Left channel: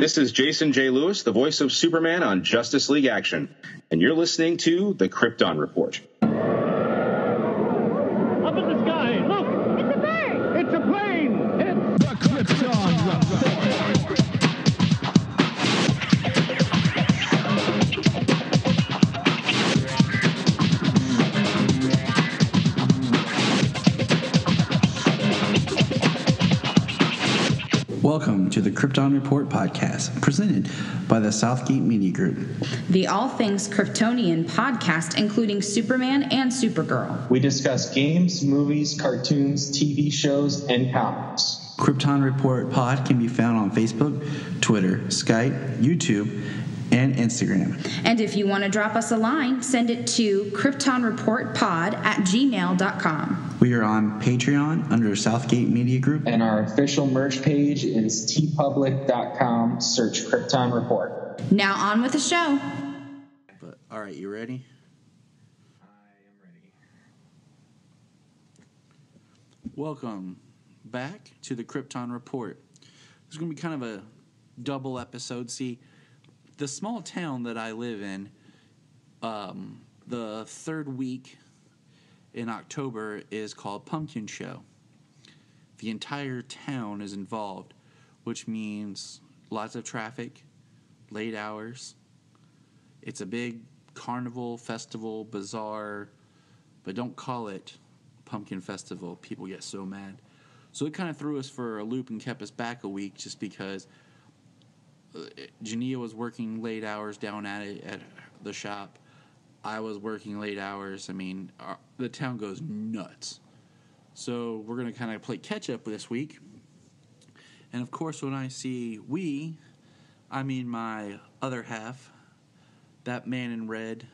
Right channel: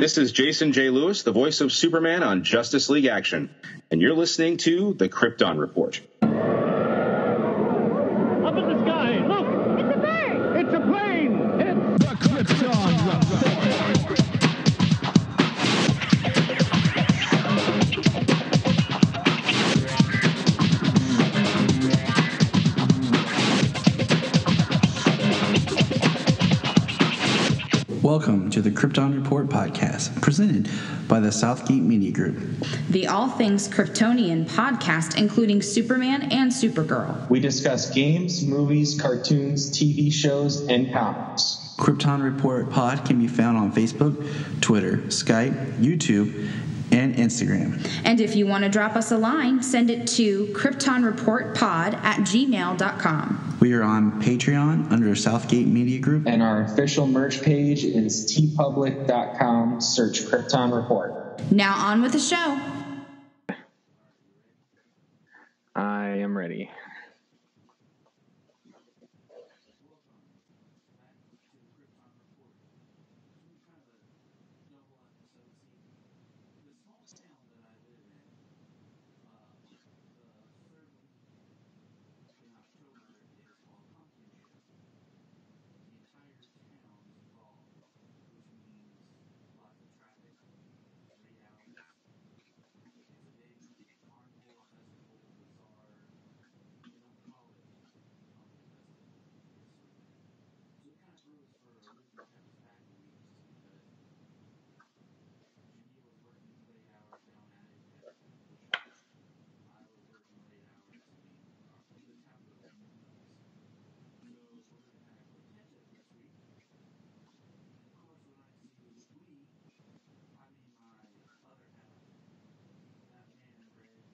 This is Jason J. Lewis, the voice of Superman on Justice League Action, and you're listening to the Krypton Report. Up in the sky, look! It's a bird! It's a plane! It's the Krypton Report! Welcome to the Krypton Report Podcast, presented by the Southgate Media Group. The All Things Kryptonian podcast, including Superman and Supergirl. We discuss games, movies, cartoons, TV shows, and comics. Krypton Report Pod can be found on Facebook, Twitter, Skype, YouTube, and Instagram. And if you want to drop us a line, send it to kryptonreportpod@gmail.com. We are on Patreon under Southgate Media Group. And our official merch page is tpublic.com. Search Krypton Report. Now on with the show. All right, you ready? I am ready. Welcome back to the Krypton Report. It's going to be kind of a double episode. See, the small town that I live in, the third week in October is called Pumpkin Show. The entire town is involved, which means lots of traffic, late hours. It's a big carnival, festival, bazaar, but don't call it Pumpkin Festival. People get so mad. So it kind of threw us for a loop and kept us back a week just because Junia was working late hours down at the shop. I was working late hours. I mean, the town goes nuts. So we're going to kind of play catch-up this week. And, of course, when I see we, I mean my other half, that man in red,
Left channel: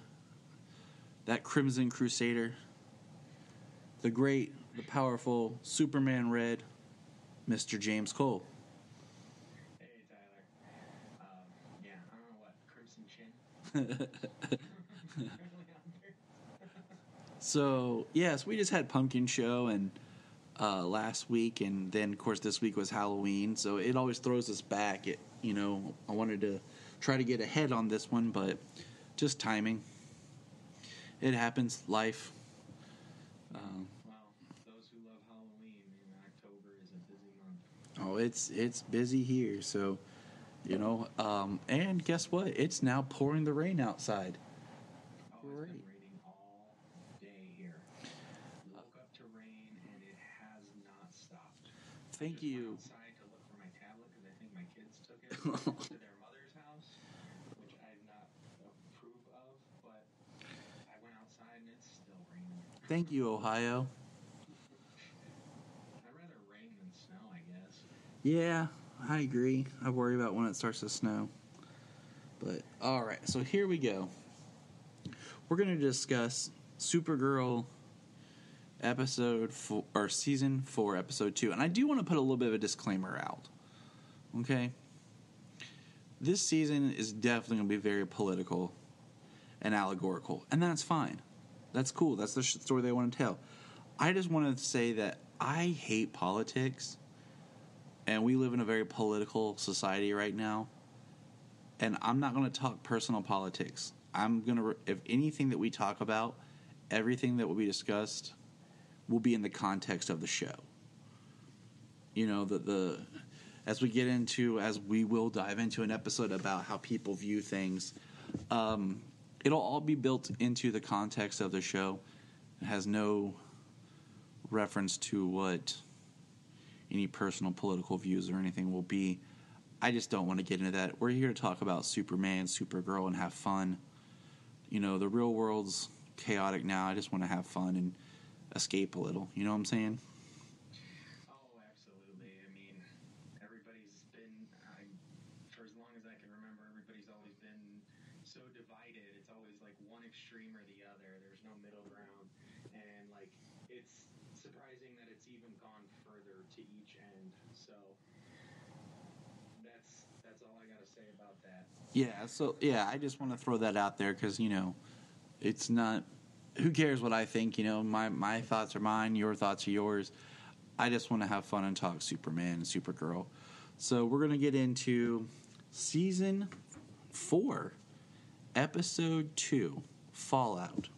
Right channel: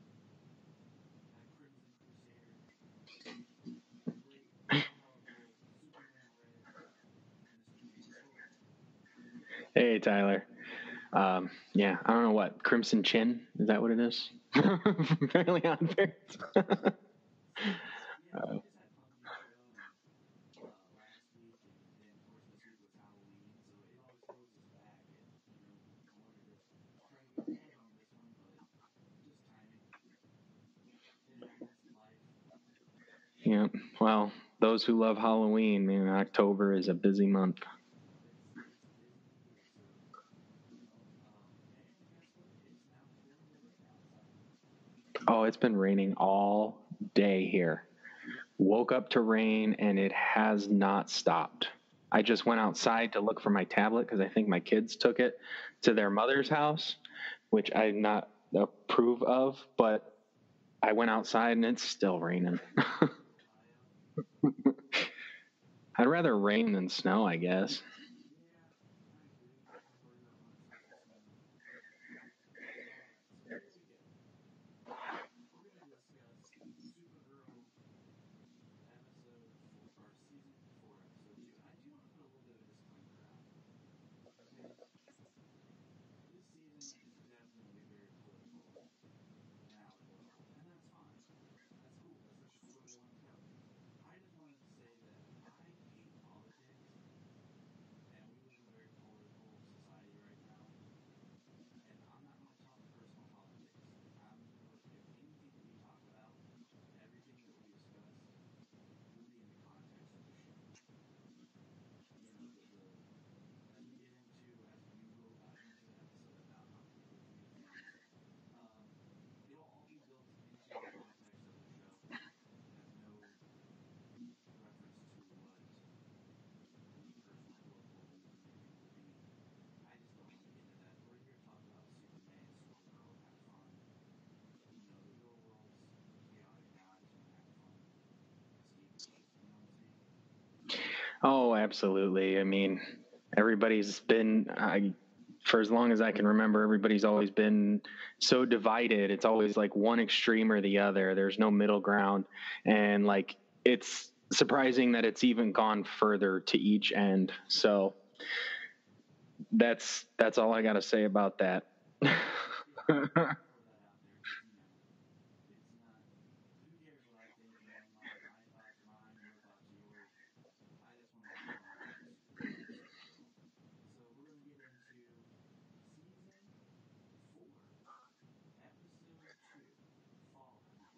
that Crimson Crusader, the great, powerful Superman Red, Mr. James Cole. Hey, Tyler. Yeah, I don't know what, Crimson Chin? Is that what it is? Fairly unfair. So, yes, we just had Pumpkin Show and last week, and then, of course, this week was Halloween, so it always throws us back. I wanted to try to get ahead on this one, but just timing. It happens, life. Yeah, well, those who love Halloween, man, October is a busy month. Oh, it's busy here, so... and guess what? It's now pouring the rain outside. Oh, it's been raining all day here. Woke up to rain, and it has not stopped. I just went outside to look for my tablet because I think my kids took it to their mother's house, which I not approve of, but I went outside, and it's still raining. Thank you, Ohio. I'd rather rain than snow, I guess. Yeah. I agree. I worry about when it starts to snow. But, all right. So here we go. We're going to discuss Supergirl Season 4, Episode 2. And I do want to put a little bit of a disclaimer out. Okay? This season is definitely going to be very political and allegorical. And that's fine. That's cool. That's the story they want to tell. I just want to say that I hate politics. And we live in a very political society right now. And I'm not going to talk personal politics. I'm going to, if anything that we talk about, everything that will be discussed will be in the context of the show. As we will dive into an episode about how people view things, it'll all be built into the context of the show. It has no reference to what any personal political views or anything will be. I just don't want to get into that. We're here to talk about Superman, Supergirl, and have fun. The real world's chaotic now. I just want to have fun and escape a little. You know what I'm saying? Oh, absolutely. I mean, everybody's been, for as long as I can remember, everybody's always been so divided. It's always like one extreme or the other. There's no middle ground. And it's surprising that it's even gone further to each end. So that's all I got to say about that. Yeah. So I just want to throw that out there because it's not. Who cares what I think? My thoughts are mine. Your thoughts are yours. I just want to have fun and talk Superman and Supergirl. So we're gonna get into Season 4, Episode 2, Fallout.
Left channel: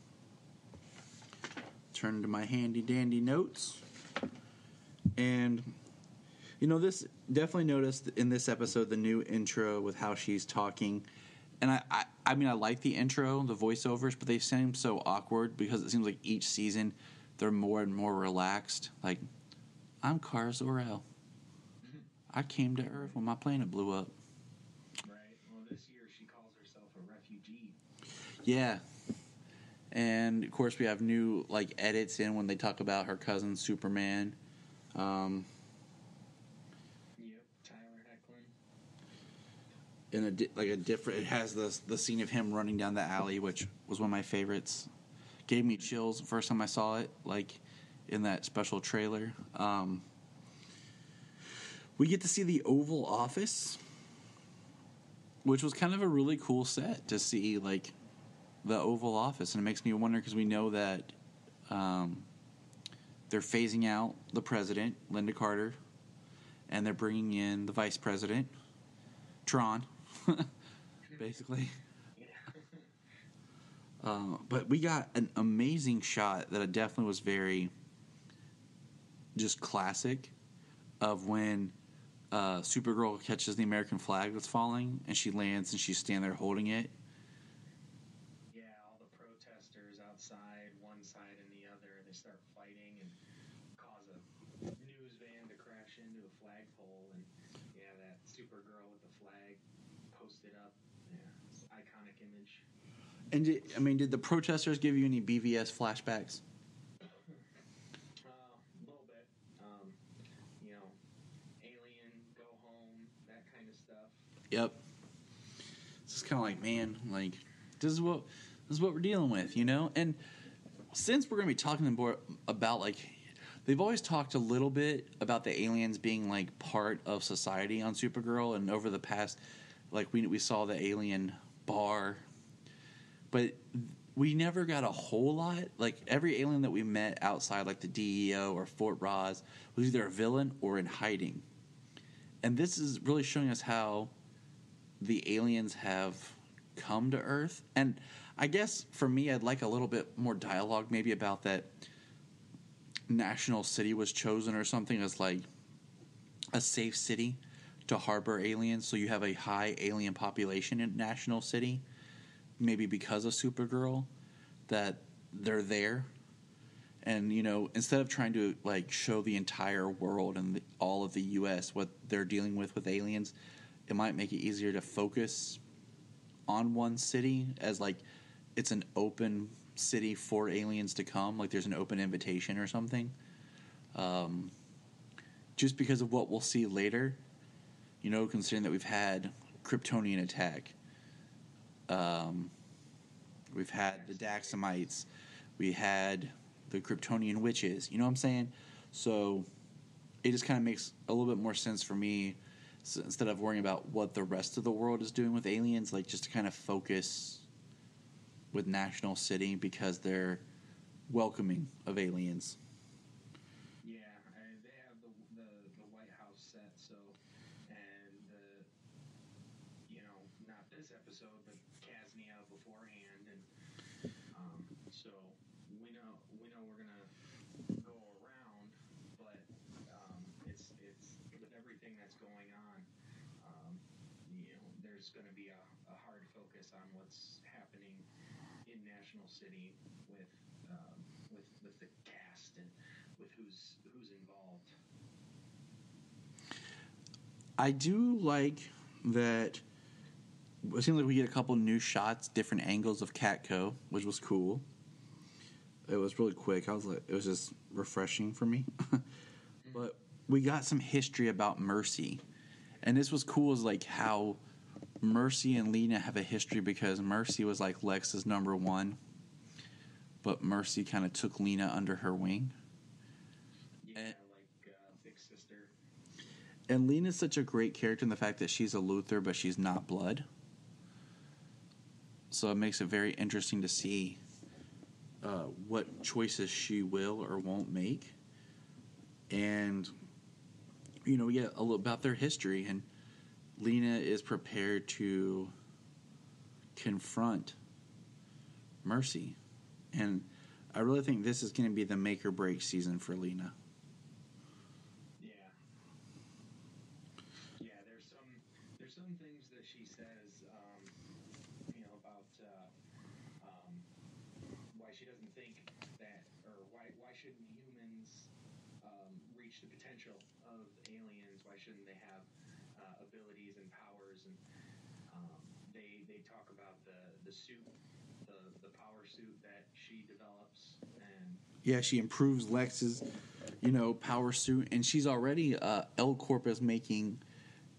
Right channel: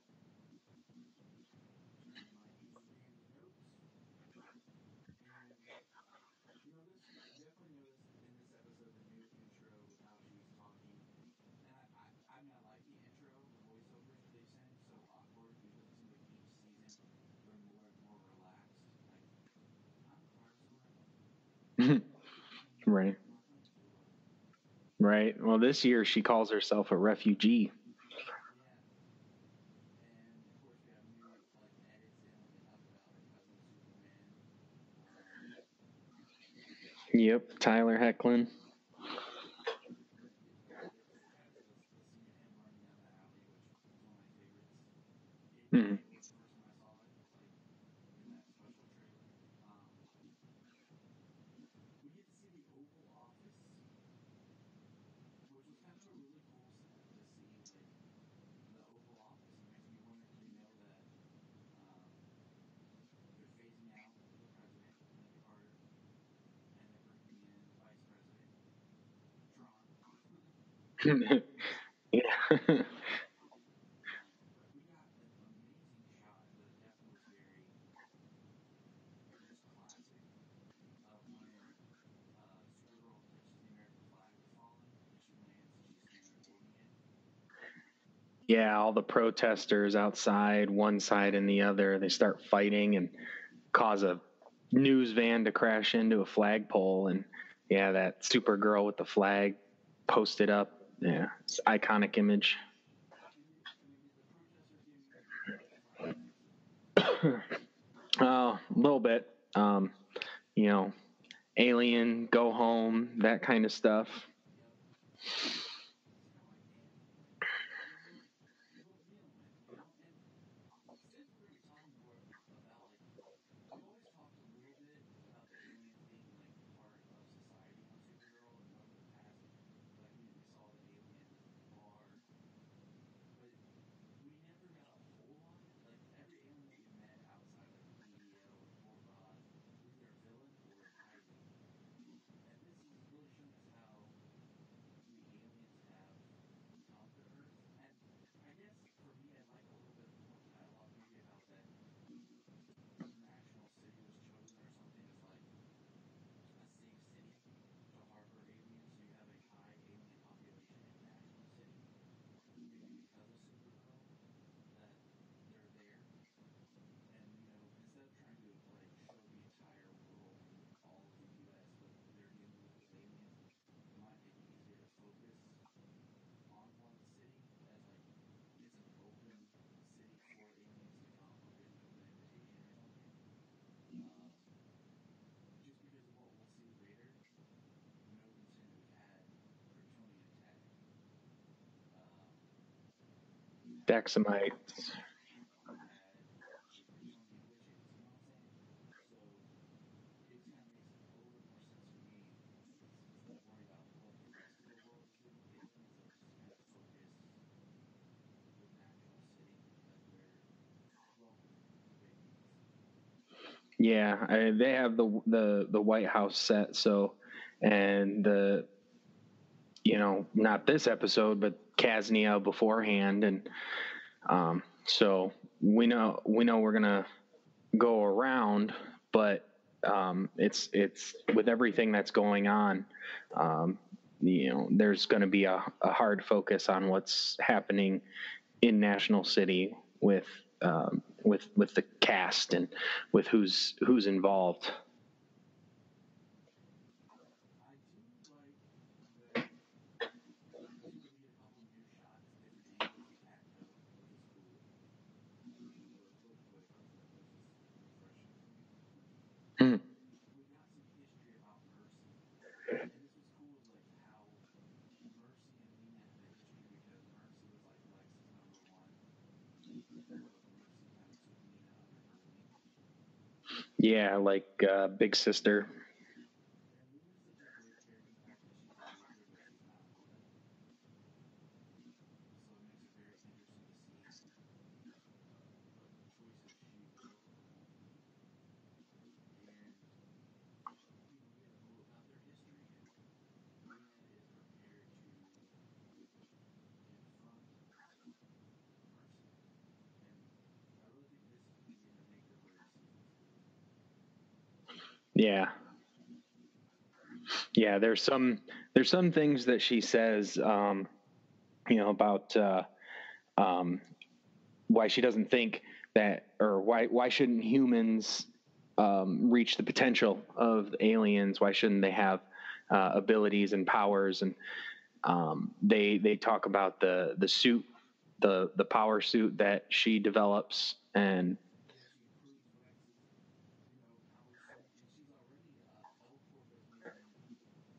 Turn to my handy-dandy notes. And, this definitely noticed in this episode the new intro with how she's talking. And I mean, I like the intro, the voiceovers, but they seem so awkward because it seems like each season they're more and more relaxed. Like, I'm Kara Zor-El. I came to Earth when my planet blew up. Right. Well, this year she calls herself a refugee. Yeah. And, of course, we have new, edits in when they talk about her cousin Superman. Yep, Tyler Hoechlin. In a different, it has the scene of him running down the alley, which was one of my favorites. Gave me chills the first time I saw it, in that special trailer. We get to see the Oval Office, which was kind of a really cool set to see, the Oval Office. And it makes me wonder, because we know that they're phasing out the president, Linda Carter, and they're bringing in the vice president, Tron, basically. Yeah. But we got an amazing shot that definitely was very just classic of when Supergirl catches the American flag that's falling, and she lands and she's standing there holding it. Yeah, all the protesters outside, one side and the other, they start fighting and cause a news van to crash into a flagpole. And, yeah, that Supergirl with the flag posted up. Yeah, it's an iconic image. And, did the protesters give you any BVS flashbacks? A little bit. Alien, Go Home, that kind of stuff. Yep. It's just kind of like, man, this is what we're dealing with, And since we're going to be talking more about, they've always talked a little bit about the aliens being, part of society on Supergirl, and over the past, we saw the alien bar, but we never got a whole lot. Every alien that we met outside, the DEO or Fort Ross, was either a villain or in hiding. And this is really showing us how the aliens have come to Earth. And I guess for me, I'd like a little bit more dialogue maybe about that National City was chosen or something as a safe city to harbor aliens. So you have a high alien population in National City, maybe because of Supergirl, that they're there. And, instead of trying to, show the entire world and all of the U.S. what they're dealing with aliens, it might make it easier to focus on one city as, it's an open city for aliens to come. There's an open invitation or something. Just because of what we'll see later, considering that we've had Kryptonian attack. We've had the Daxamites. We had the Kryptonian witches. You know what I'm saying? So it just kind of makes a little bit more sense for me, so instead of worrying about what the rest of the world is doing with aliens, just to kind of focus with National City because they're welcoming of aliens. Yeah, they have the White House set, so, and the, not this episode, but Kasnia beforehand, and so we know we're gonna go around, but it's with everything that's going on, there's going to be a hard focus on what's happening in National City with the cast and with who's involved. I do like that. It seems like we get a couple new shots, different angles of Catco, which was cool. It was really quick. It was just refreshing for me. But we got some history about Mercy, and this was cool. Is how Mercy and Lena have a history, because Mercy was Lex's number one, but Mercy kind of took Lena under her wing. Yeah, big sister. And Lena's such a great character in the fact that she's a Luthor, but she's not blood. So it makes it very interesting to see what choices she will or won't make. And, we get a little about their history. And Lena is prepared to confront Mercy. And I really think this is going to be the make or break season for Lena. Yeah. Yeah, there's some things that she says, about why she doesn't think that, or why shouldn't humans reach the potential of aliens? Why shouldn't they have abilities and powers? And they talk about the suit, the power suit that she develops, and yeah, she improves Lex's, power suit, and she's already L-Corp is making,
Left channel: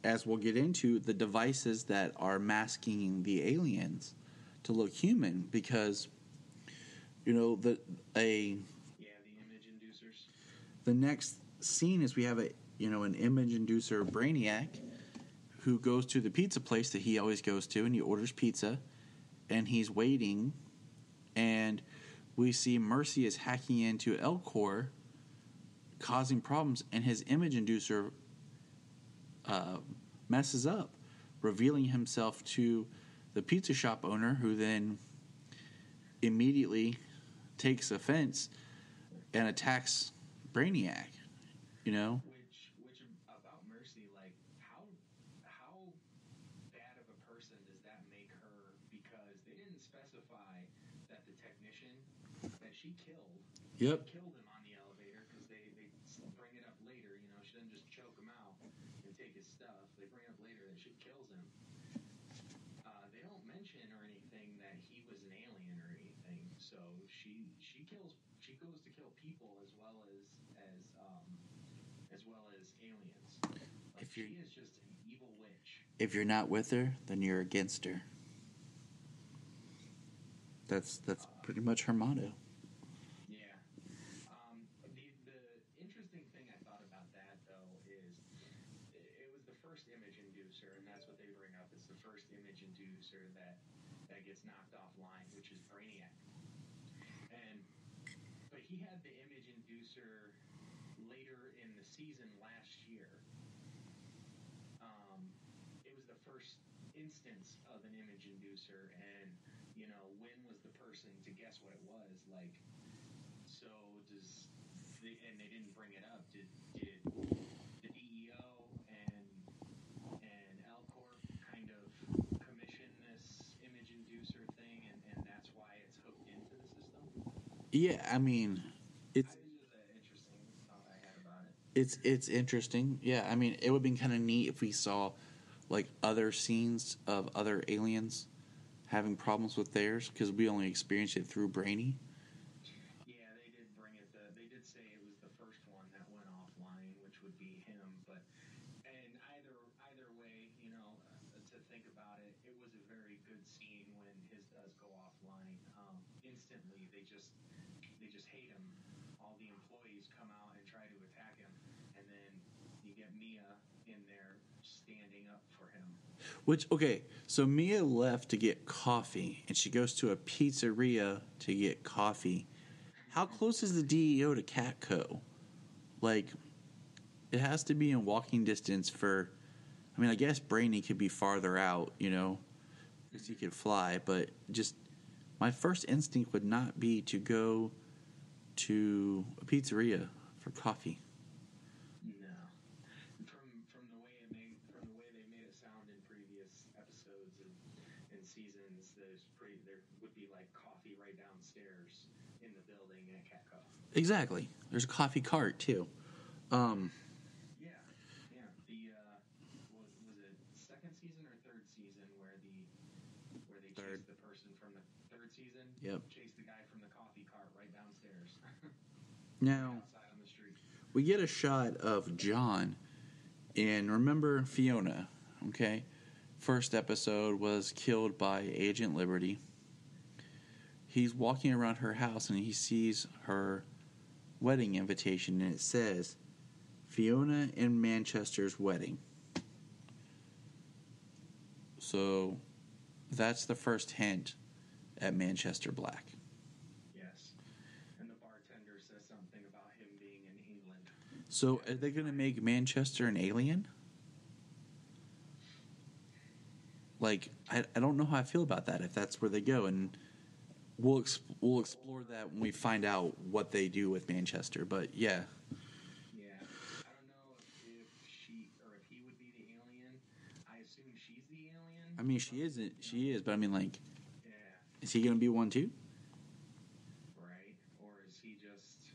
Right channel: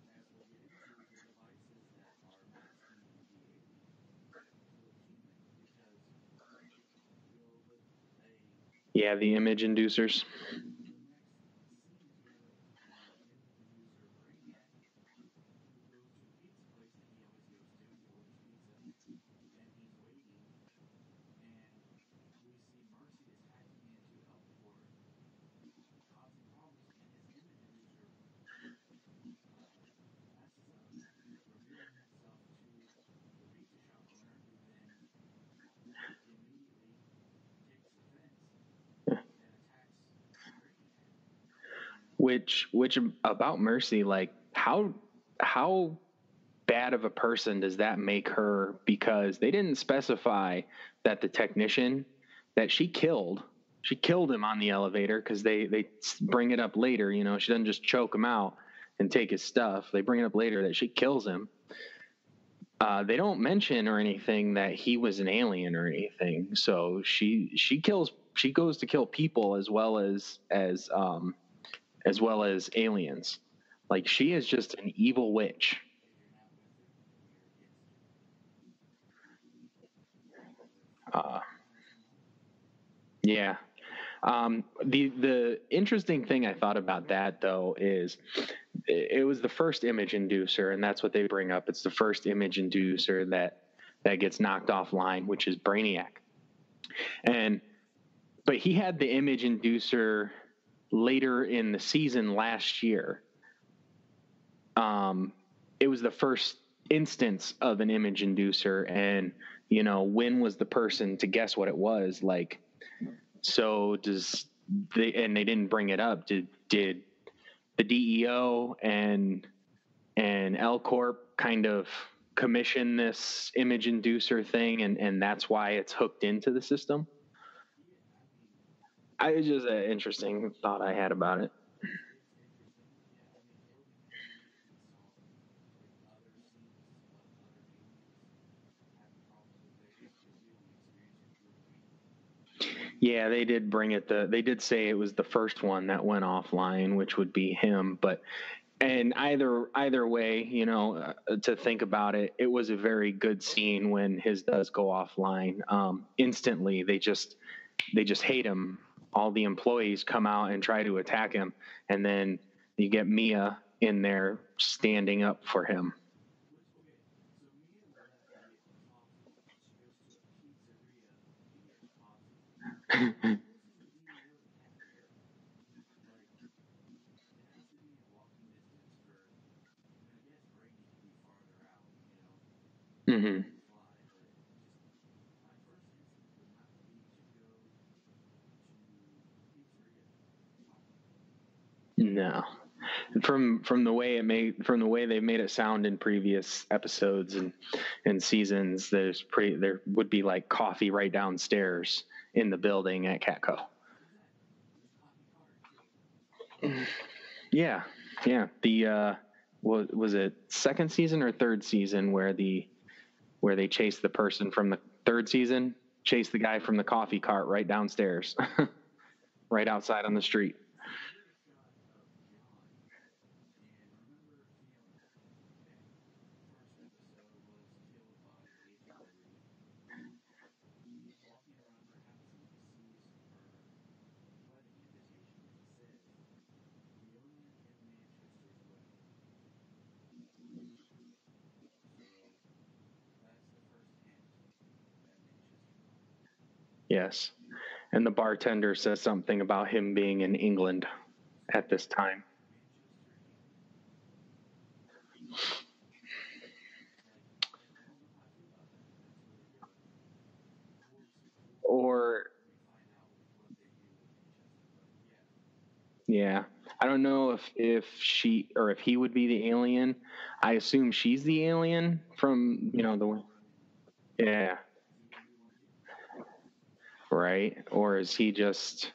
as we'll get into, the devices that are masking the aliens to look human, because the image inducers. The next scene is we have an image inducer Brainiac who goes to the pizza place that he always goes to, and he orders pizza, and he's waiting, and we see Mercy is hacking into L-Corp, causing problems, and his image inducer messes up, revealing himself to the pizza shop owner, who then immediately takes offense and attacks Brainiac. Which about Mercy, like how bad of a person does that make her? Because they didn't specify that the technician that she killed, she killed him on the elevator, because they bring it up later. She doesn't just choke him out and take his stuff. They bring it up later that she kills him. They don't mention or anything that he was an alien or anything. So she goes to kill people as well as aliens. Like, she is just an evil witch. If you're not with her, then you're against her. That's pretty much her motto. Yeah. The interesting thing I thought about that, though, is it was the first image inducer, and that's what they bring up. It's the first image inducer that gets knocked offline, which is Brainiac. But he had the image inducer later in the season last year. It was the first instance of an image inducer, and when was the person to guess what it was? Like, so they didn't bring it up. Did the DEO and L-Corp kind of commission this image inducer thing, and that's why it's hooked into the system? Yeah, I mean, it's just an interesting thought I had about it. It's interesting. Yeah, I mean, it would be kind of neat if we saw like other scenes of other aliens having problems with theirs, because we only experienced it through Brainy. Yeah, they did bring it. They did say it was the first one that went offline, which would be him. And either way, to think about it, it was a very good scene when his does go offline. Instantly, they just hate him. All the employees come out and try to attack him, and then you get Mia in there standing up for him. So Mia left to get coffee, and she goes to a pizzeria to get coffee. How close is the DEO to Catco? Like, it has to be in walking distance for... I mean, I guess Brainy could be farther out, He could fly, but just... My first instinct would not be to go to a pizzeria for coffee. No. From the way they made it sound in previous episodes and seasons, there would be like coffee right downstairs in the building at Catco. Exactly. There's a coffee cart too. Yeah. The was it second season or third season where they chased the person from the third season? Yep. Chased the guy from the coffee cart right downstairs, right outside on the street. We get a shot of John, and remember Fiona, okay? First episode was killed by Agent Liberty. He's walking around her house, and he sees her wedding invitation, and it says, Fiona in Manchester's wedding. So that's the first hint at Manchester Black. Yes. And the bartender says something about him being in England so at this time. So are they going to make Manchester an alien? Like, I don't know how I feel about that, if that's where they go. And we'll explore that when we find out what they do with Manchester. But, yeah. Yeah. I don't know if she or if he would be the alien. I assume she's the alien. I mean, from, she is, but I mean, like, yeah. is he going to be one too? Right. Or is he just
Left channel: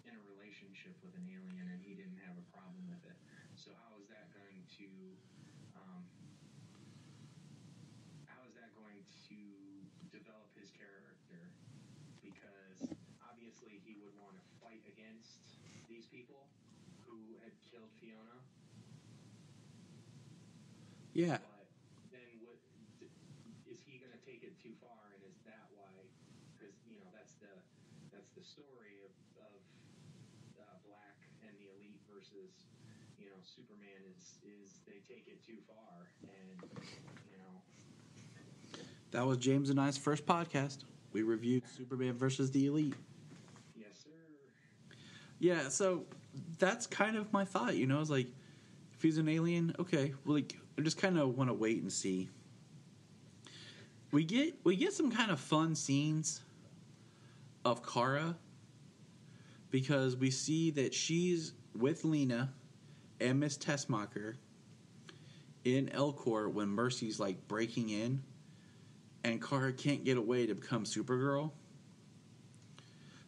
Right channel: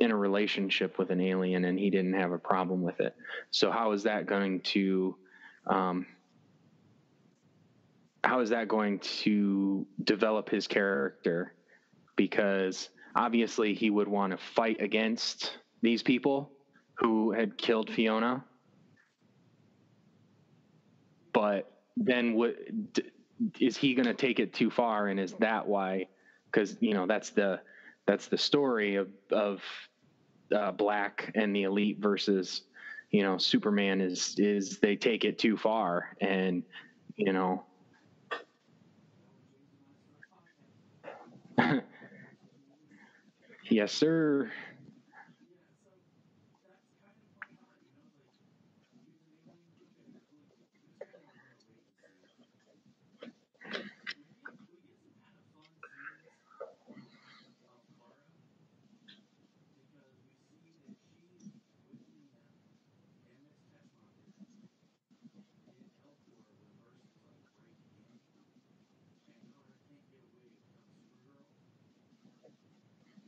in a relationship with an alien and he didn't have a problem with it? So how is that going to develop his character? Because obviously he would want to fight against these people who had killed Fiona. Yeah. But then is he going to take it too far? And is that why? Because, that's the story of Black and the Elite versus, Superman is they take it too far. And, that was James and I's first podcast. We reviewed Superman versus the Elite. Yes, sir. Yeah, so that's kind of my thought, It's like, if he's an alien, okay, well, like, I just kind of want to wait and see. We get some kind of fun scenes of Kara, because we see that she's with Lena and Miss Tessmacher in Elcor when Mercy's like breaking in, and Kara can't get away to become Supergirl.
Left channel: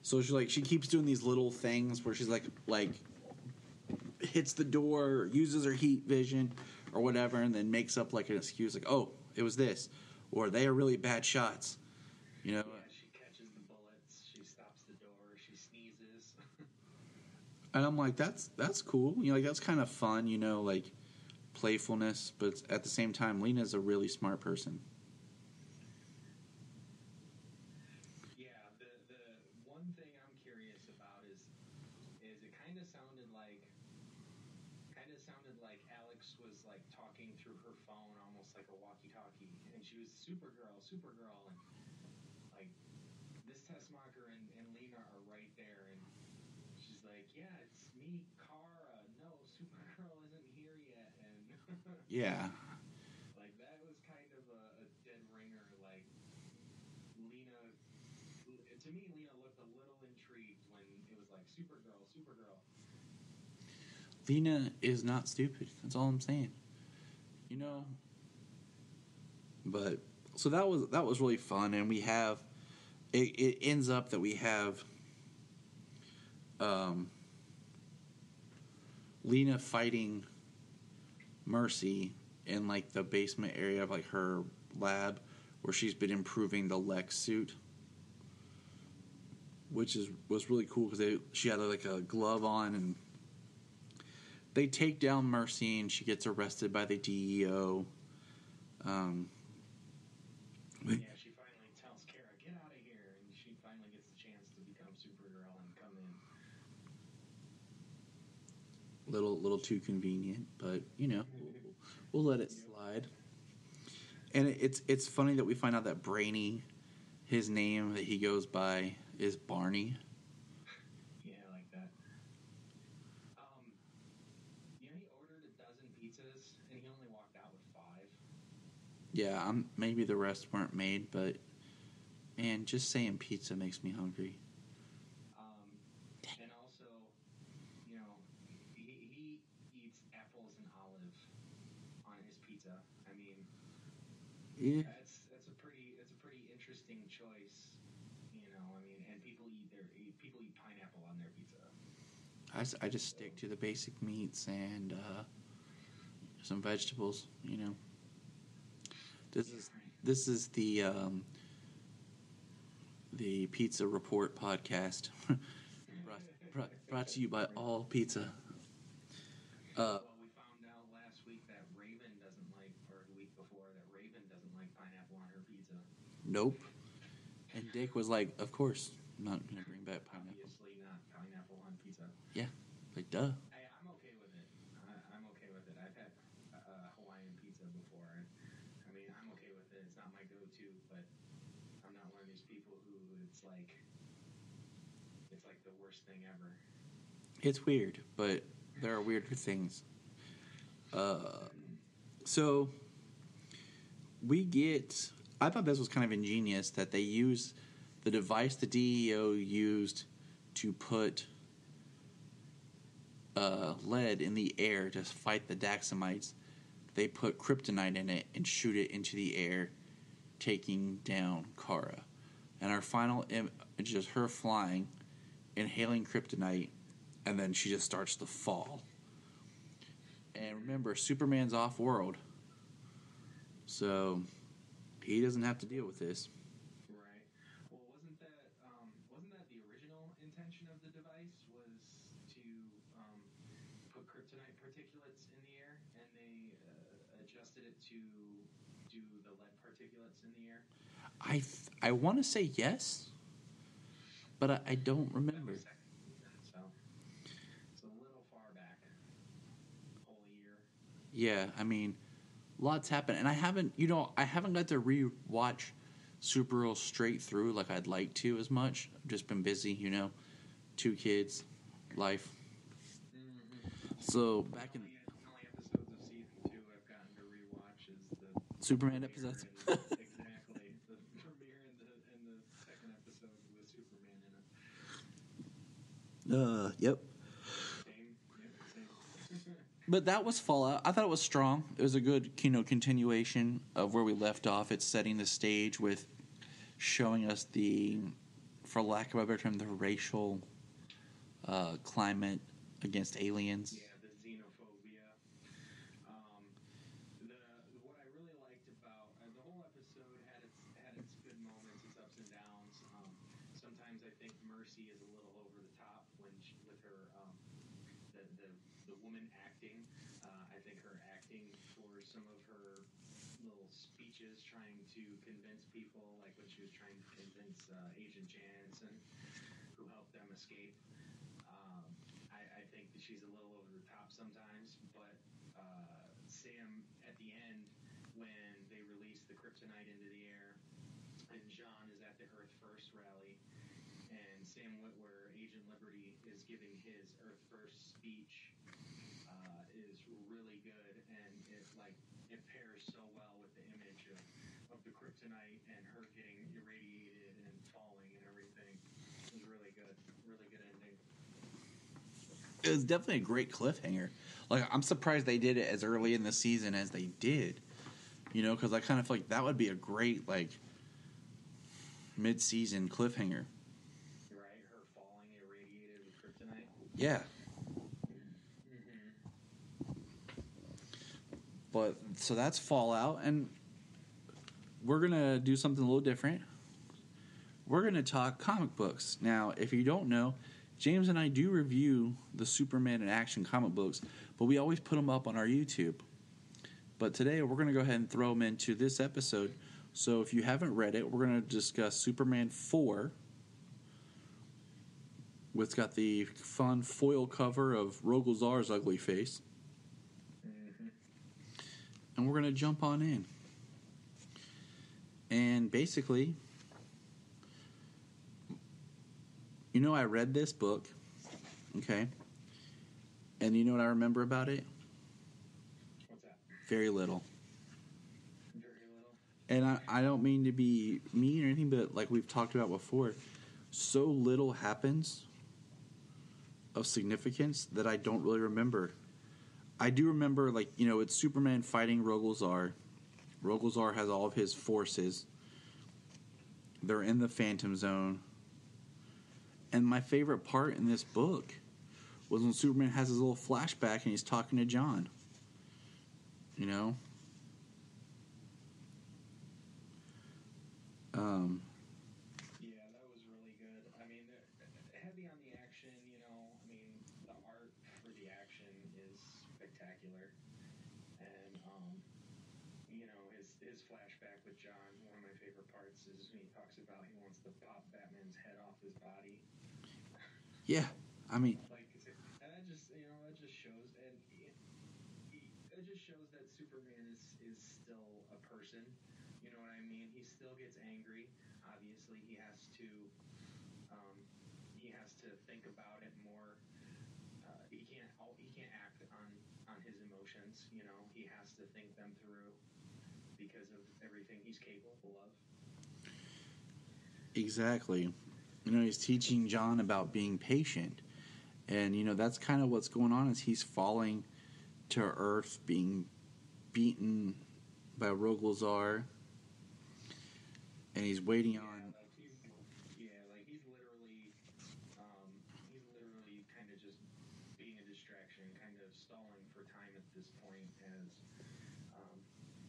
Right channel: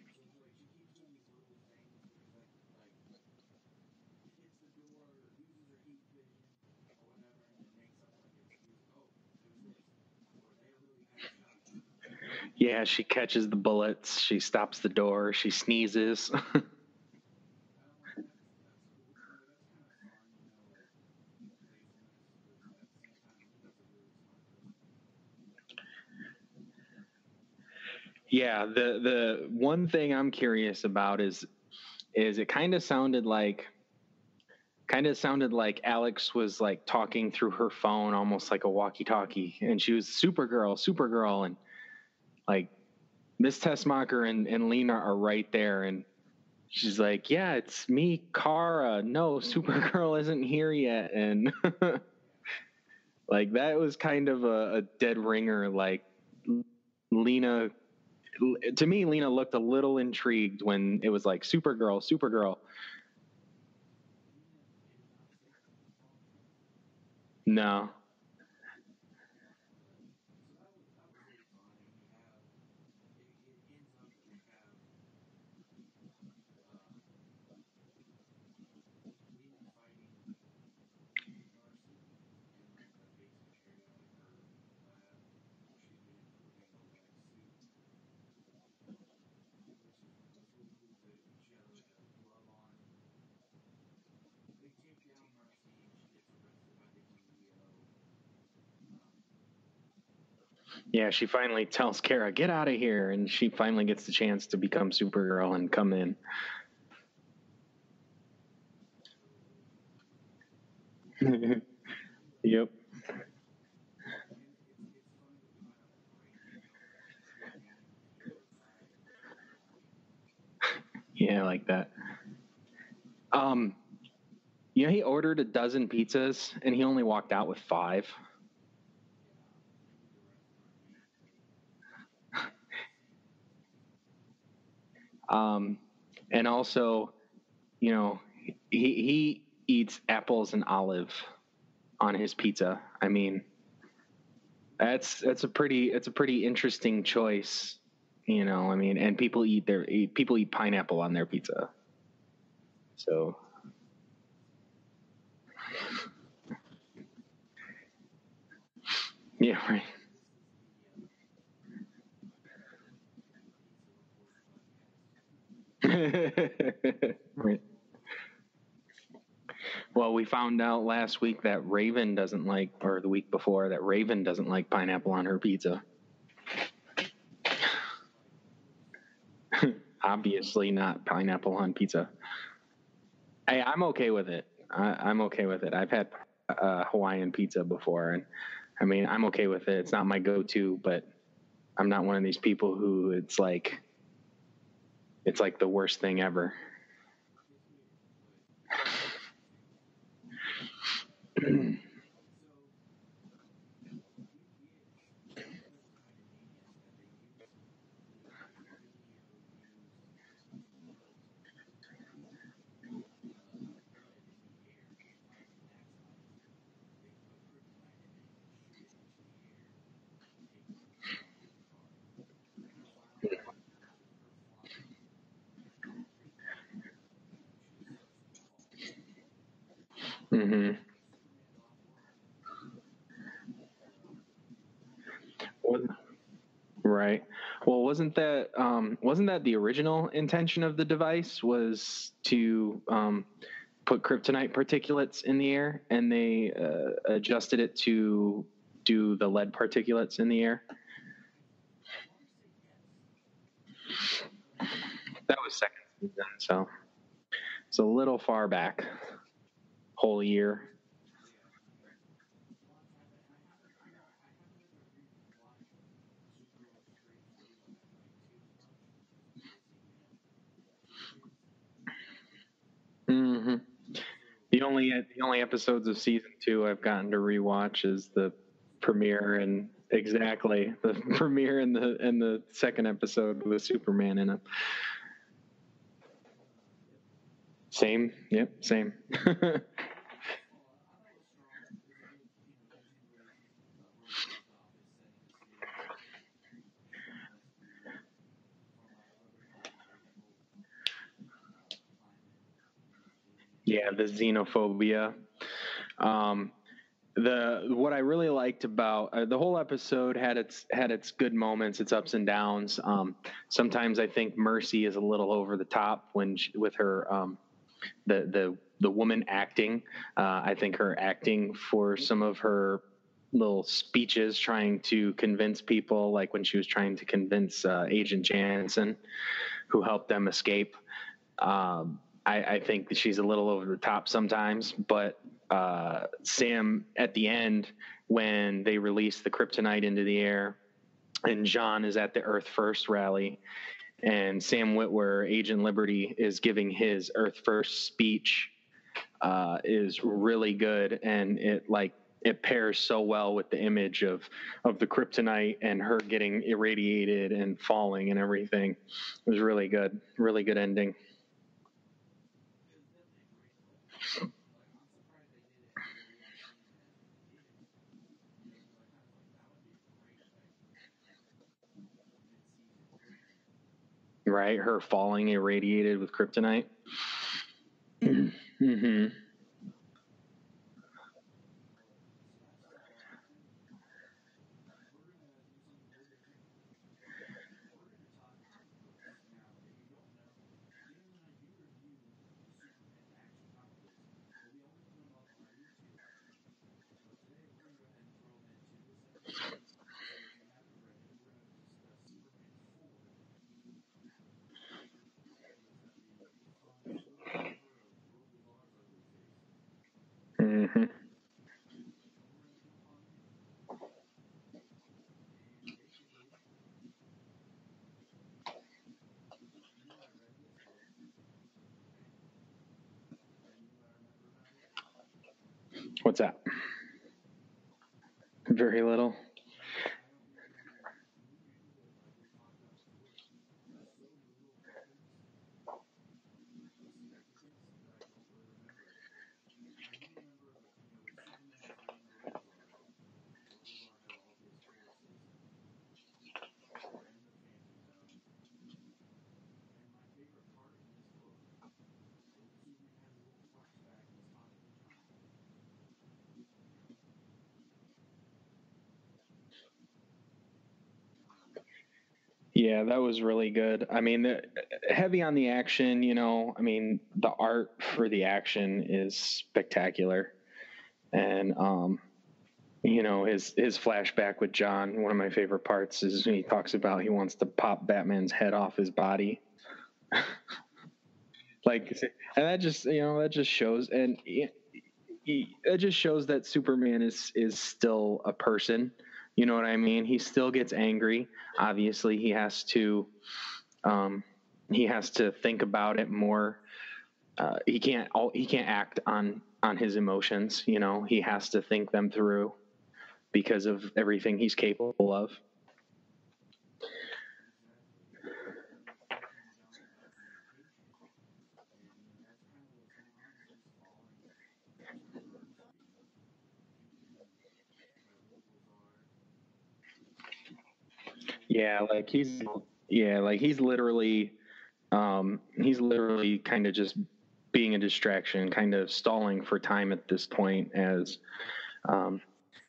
So she keeps doing these little things where she's like hits the door, or uses her heat vision or whatever, and then makes up like an excuse like, oh, it was this, or they are really bad shots. Yeah, she catches the bullets, she stops the door, she sneezes. And I'm like, that's cool. Like, that's kind of fun, like playfulness, but at the same time, Lena's a really smart person. Yeah, the one thing I'm curious about is it kind of sounded like Alex was like talking through her phone, almost like a walkie-talkie, and she was Supergirl, and like Miss Tessmacher and Lena are right there, and she's like, yeah, it's me, Kara. No, Supergirl isn't here yet, and yeah, like that was kind of a dead ringer. Like Lena. To me, Lena looked a little intrigued when it was like Supergirl. Lena is not stupid. That's all I'm saying. No. But so that was really fun, and we have it ends up that we have Lena fighting Mercy in like the basement area of like her lab where she's been improving the Lex suit. Which was really cool because she had like a glove on, and they take down Mercy, and she gets arrested by the DEO. Yeah, she finally tells Kara, "Get out of here," and she finally gets the chance to become Supergirl and come in. Little too convenient, but we'll let it slide. And it's funny that we find out that Brainy, his name that he goes by is Barney. Yeah, I like that. He ordered a dozen pizzas and he only walked out with 5. Yeah, maybe the rest weren't made, but man, just saying pizza makes me hungry. And also, he eats apples and olive on his pizza. I mean, yeah. that's a pretty interesting choice. I mean, and people eat pineapple on their pizza. I just stick to the basic meats and some vegetables. This is the Pizza Report Podcast. Brought to you by All Pizza. Well, we found out last week that Raven doesn't like, or the week before, that Raven doesn't like pineapple on her pizza. Nope. Rick was like, of course not. Obviously not pineapple on pizza. Yeah, like duh. Hey, I'm okay with it. I'm okay with it. I've had Hawaiian pizza before, and I mean, I'm okay with it. It's not my go-to, but I'm not one of these people who it's like the worst thing ever. It's weird, but there are weird things. So I thought this was kind of ingenious that they used the device the DEO used to put lead in the air to fight the Daxamites. They put kryptonite in it and shoot it into the air, taking down Kara. And our final image is just her flying, inhaling kryptonite, and then she just starts to fall. And remember, Superman's off-world, so he doesn't have to deal with this. Right. Well, wasn't that the original intention of the device, was to put kryptonite particulates in the air, and they adjusted it to do the lead particulates in the air? I want to say yes, but I don't remember. That was second season, so it's a little far back. Whole year. Yeah, I mean, lots happened, and I haven't got to re-watch Supergirl straight through like I'd like to as much. I've just been busy, 2 kids, life. Mm-hmm. So the only episodes of season 2 I've gotten to rewatch is the Superman premiere and exactly the premiere and the second episode with Superman in it. Yep. Same. Yep. Same. But that was Fallout. I thought it was strong. It was a good, continuation of where we left off. It's setting the stage with showing us for lack of a better term, the racial climate against aliens. Yeah, the xenophobia. What I really liked about the whole episode had its good moments, its ups and downs. Sometimes I think Mercy is a little over the top with her the woman acting. I think her acting for some of her little speeches trying to convince people, like when she was trying to convince Agent Jansen, who helped them escape. I think that she's a little over the top sometimes, but Sam, at the end, when they release the kryptonite into the air, and John is at the Earth First rally, and Sam Witwer, Agent Liberty, is giving his Earth First speech, is really good, and it pairs so well with the image of the kryptonite and her getting irradiated and falling and everything. It was really good ending. It was definitely a great cliffhanger. Like, I'm surprised they did it as early in the season as they did. Because I kind of feel like that would be a great, mid-season cliffhanger. Right, her falling irradiated with kryptonite. Yeah. Mm-hmm. But, so that's Fallout, and we're going to do something a little different. We're going to talk comic books. Now, if you don't know, James and I do review the Superman in action comic books, but we always put them up on our YouTube. But today we're going to go ahead and throw them into this episode. So if you haven't read it, we're going to discuss Superman 4. It's got the fun foil cover of Rogol Zaar's ugly face. Mm-hmm. And we're going to jump on in. And basically, I read this book, okay? And you know what I remember about it? What's that? Very little. Very little? And I don't mean to be mean or anything, but like we've talked about before, so little happens of significance that I don't really remember. I do remember, it's Superman fighting Rogol Zaar. Rogol Zaar has all of his forces. They're in the Phantom Zone. And my favorite part in this book was when Superman has his little flashback and he's talking to John. Yeah, that was really good. I mean, heavy on the action, the art for the action is spectacular. And, his flashback with John, one of my favorite parts is when he talks about he wants to pop Batman's head off his body. Yeah, I mean, and that just shows, and it just shows that Superman is still a person. You know what I mean? He still gets angry. Obviously, he has to think about it more. he can't act on his emotions. You know, he has to think them through because of everything he's capable of. Exactly. You know, he's teaching John about being patient. And, you know, that's kind of what's going on is he's falling to Earth, being beaten by Rogolzar. And he's waiting. He's literally kind of just being a distraction, kind of stalling for time at this point as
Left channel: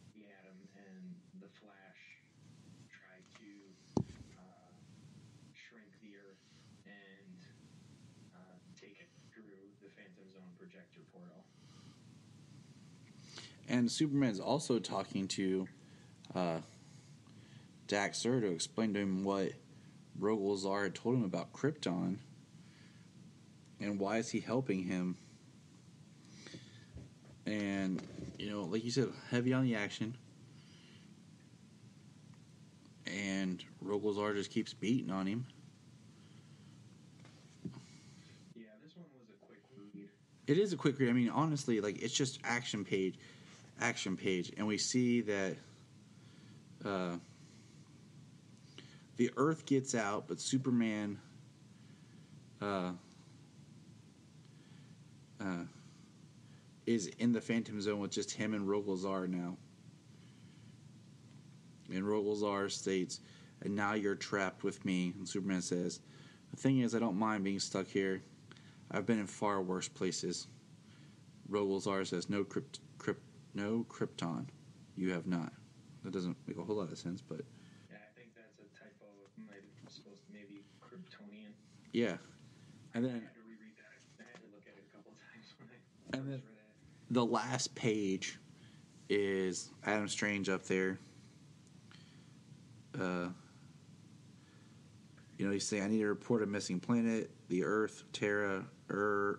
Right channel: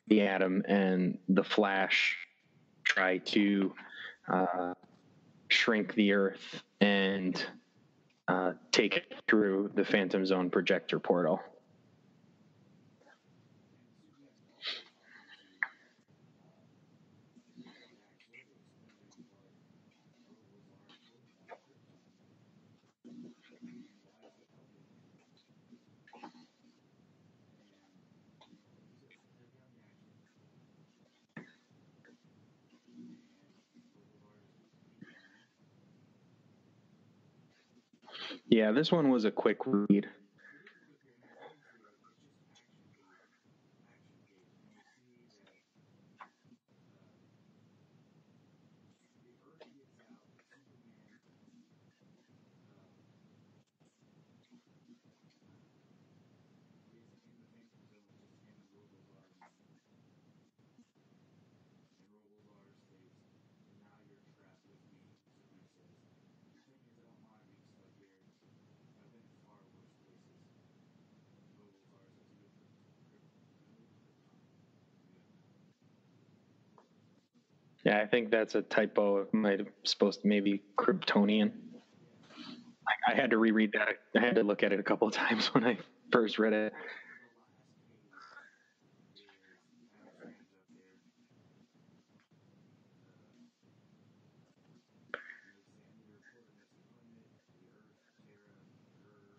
the Atom and the Flash try to shrink the Earth and take it through the Phantom Zone projector portal. And Superman's also talking to Daxter to explain to him what Rogolzar had told him about Krypton and why is he helping him. And, you know, like you said, heavy on the action. And Rogolzar just keeps beating on him. Yeah, this one was a quick read. It is a quick read. I mean, honestly, like, it's just action page. And we see that the Earth gets out, but Superman is in the Phantom Zone with just him and Rogolzar now. And Rogolzar states, "And now you're trapped with me." And Superman says, "The thing is, I don't mind being stuck here. I've been in far worse places." Rogolzar says, "No Krypton. You have not." That doesn't make a whole lot of sense, but... Yeah, I think that's a typo. It might have supposed to maybe Kryptonian. Yeah. I had to reread that. I had to look at it a couple of times when I first read it. The last page is Adam Strange up there. You know, he's saying, "I need to report a missing planet, the Earth, Terra, and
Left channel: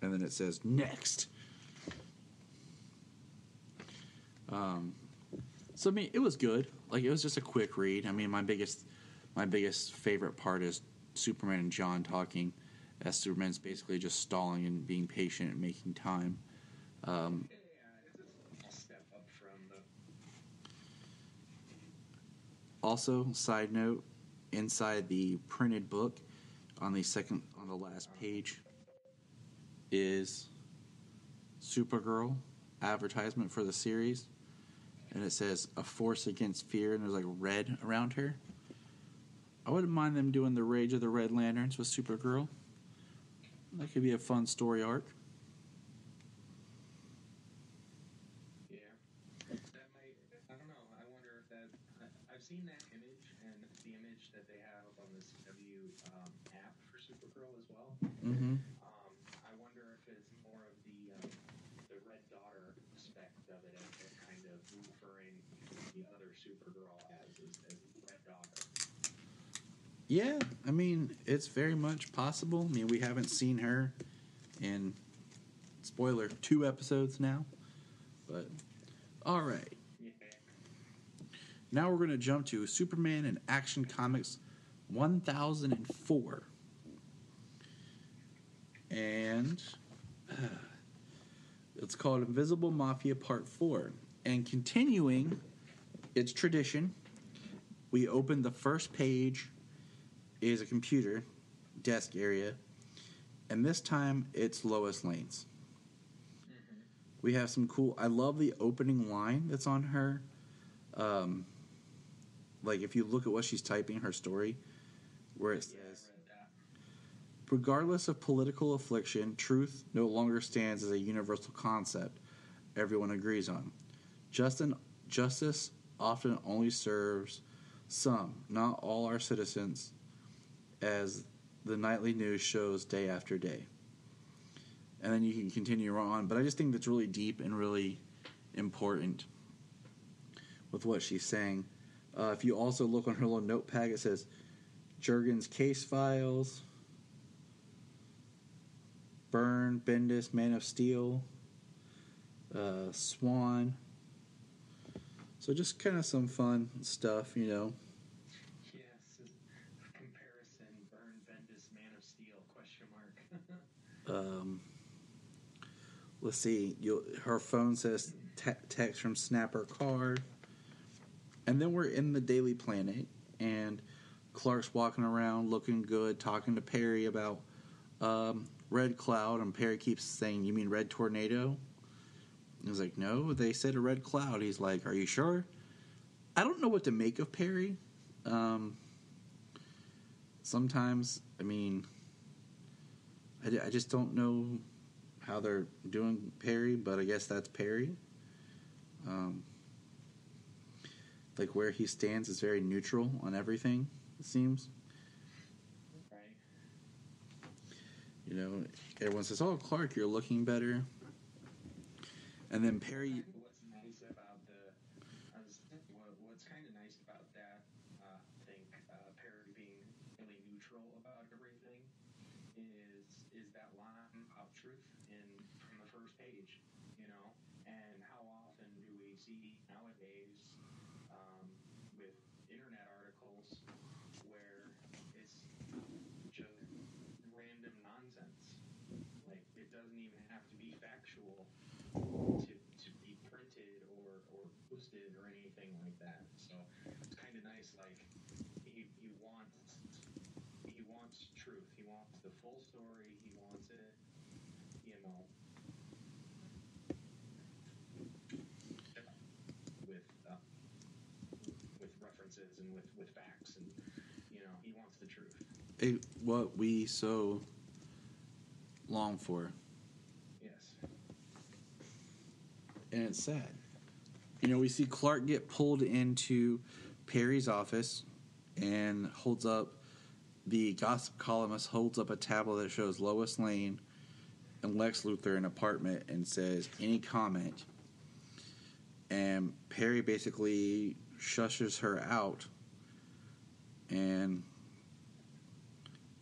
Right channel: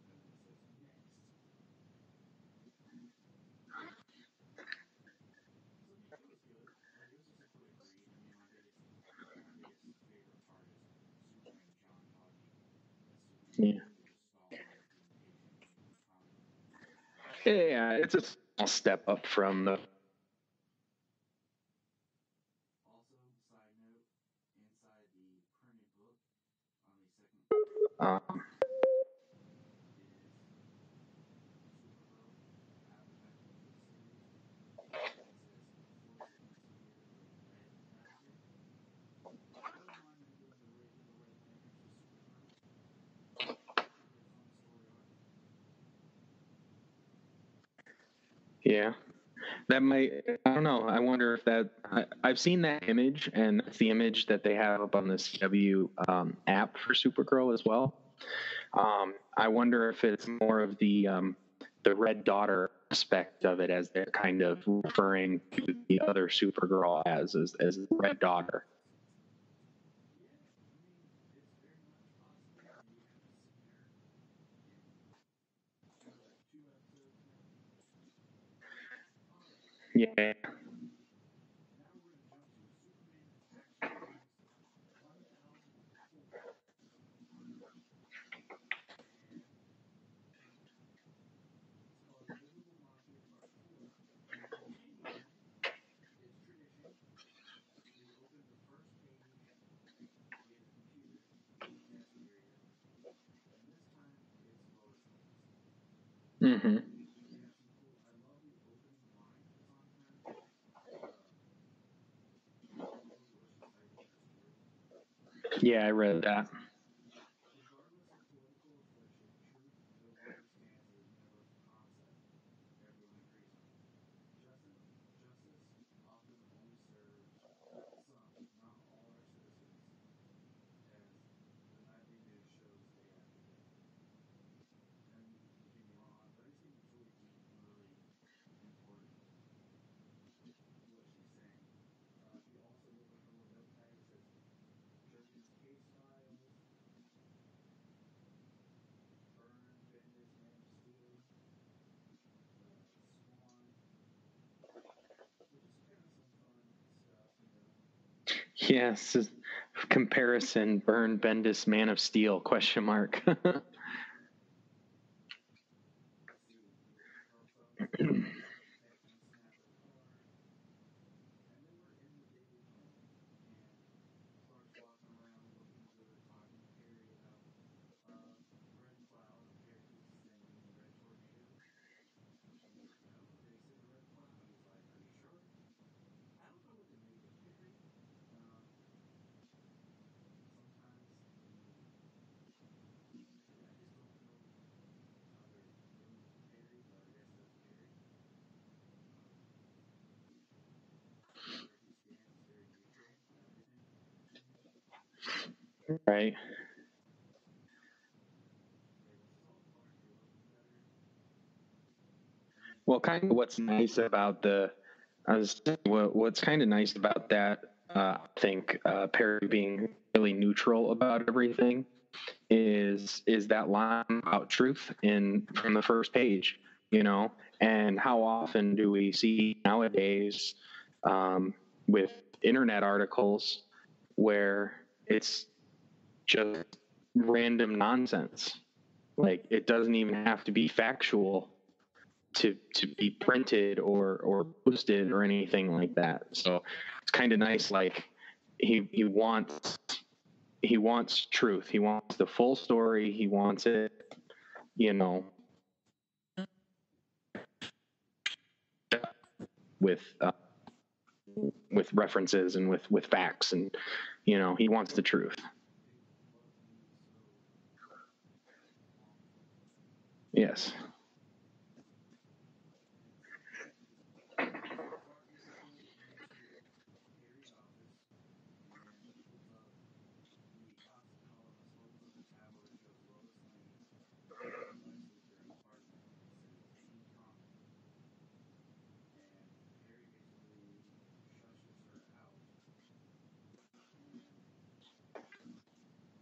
then it says, next. So, I mean, it was good. Like, it was just a quick read. I mean, my biggest favorite part is Superman and John talking, as Superman's basically just stalling and being patient and making time. Yeah, it's a small step up from the... Also, side note, inside the printed book, on the last page, is Supergirl advertisement for the series. And it says, "A force against fear," and there's like red around her. I wouldn't mind them doing the Rage of the Red Lanterns with Supergirl. That could be a fun story arc. Yeah. That might, I don't know. I wonder if that, I've seen that image, and that's the image that they have up on the CW app for Supergirl as well. Mm-hmm. I wonder if it's more of the Red Daughter aspect of it, as they're kind of referring to the other Supergirl as the Red Daughter. Yeah, I mean, it's very much possible. I mean, we haven't seen her in, spoiler, 2 episodes now. But, all right. Yeah. Now we're going to jump to Superman in Action Comics 1004. And it's called Invisible Mafia Part 4. And continuing its tradition, we open the first page is a computer desk area, and this time it's Lois Lane's. Mm-hmm. We have some cool... I love the opening line that's on her. Like, if you look at what she's typing, her story. Yeah, I read that. Regardless of political affliction, truth no longer stands as a universal concept everyone agrees on. Justice often only serves some, not all our citizens, as the nightly news shows day after day. And then you can continue on. But I just think that's really deep and really important with what she's saying. If you also look on her little notepad, it says Jurgen's case files, Byrne, Bendis, Man of Steel, Swan. So just kind of some fun stuff, you know. Yes, comparison, Byrne, Bendis, Man of Steel, question mark. let's see. Her phone says text from Snapper Card. And then we're in the Daily Planet, and Clark's walking around looking good, talking to Perry about Red Cloud, and Perry keeps saying, "You mean Red Tornado?" He's like, "No, they said a red cloud." He's like, "Are you sure?" I don't know what to make of Perry. Sometimes, I mean, I just don't know how they're doing Perry, but I guess that's Perry. Like, where he stands is very neutral on everything, it seems. Right. You know, everyone says, "Oh, Clark, you're looking better." And then Perry, Well, kind of what's nice about what's kind of nice about that, I think Perry being really neutral about everything is that line about truth from the first page, you know. And how often do we see nowadays with internet articles where it's just random nonsense? Like, it doesn't even have to be factual to be printed or posted or anything like that. So it's kind of nice. Like, he wants truth. He wants the full story. He wants it, you know, with references and with facts, and, you know, he wants the truth. What we so long for. Yes. And it's sad. You know, we see Clark get pulled into Perry's office and the gossip columnist holds up a tablet that shows Lois Lane and Lex Luthor in an apartment and says, "Any comment?" And Perry basically shushes her out. And,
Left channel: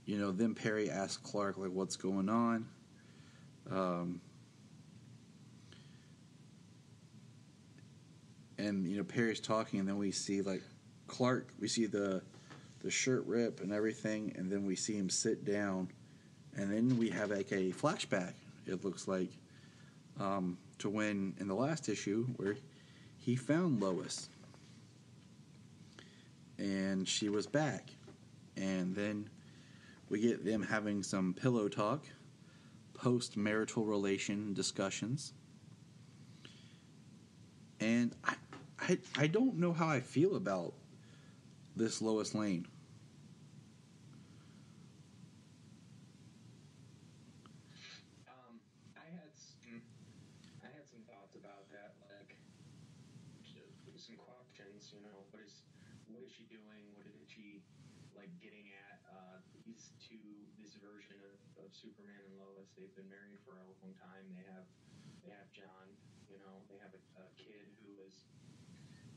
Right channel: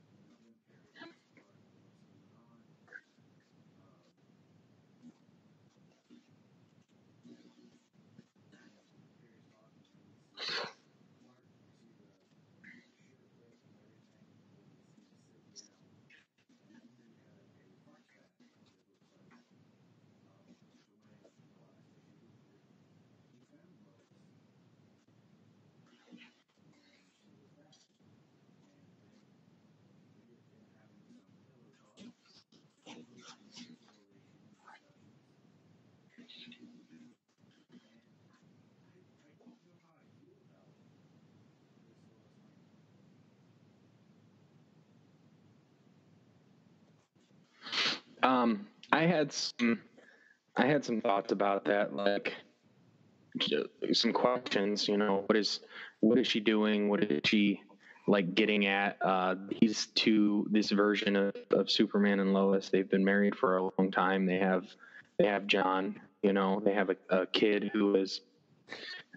you know, then Perry asks Clark, like, what's going on? And, you know, Perry's talking, and then we see, like, Clark, we see the shirt rip and everything, and then we see him sit down, and then we have, like, a flashback, it looks like, to when, in the last issue, where he found Lois, and she was back, and then we get them having some pillow talk, post-marital relation discussions, and I don't know how I feel about this Lois Lane. I had some thoughts about that, like some questions. You know, what is she doing? What is she, like, getting at? This version of Superman and Lois, they've been married for a long time. They have John. You know, they have a kid who is,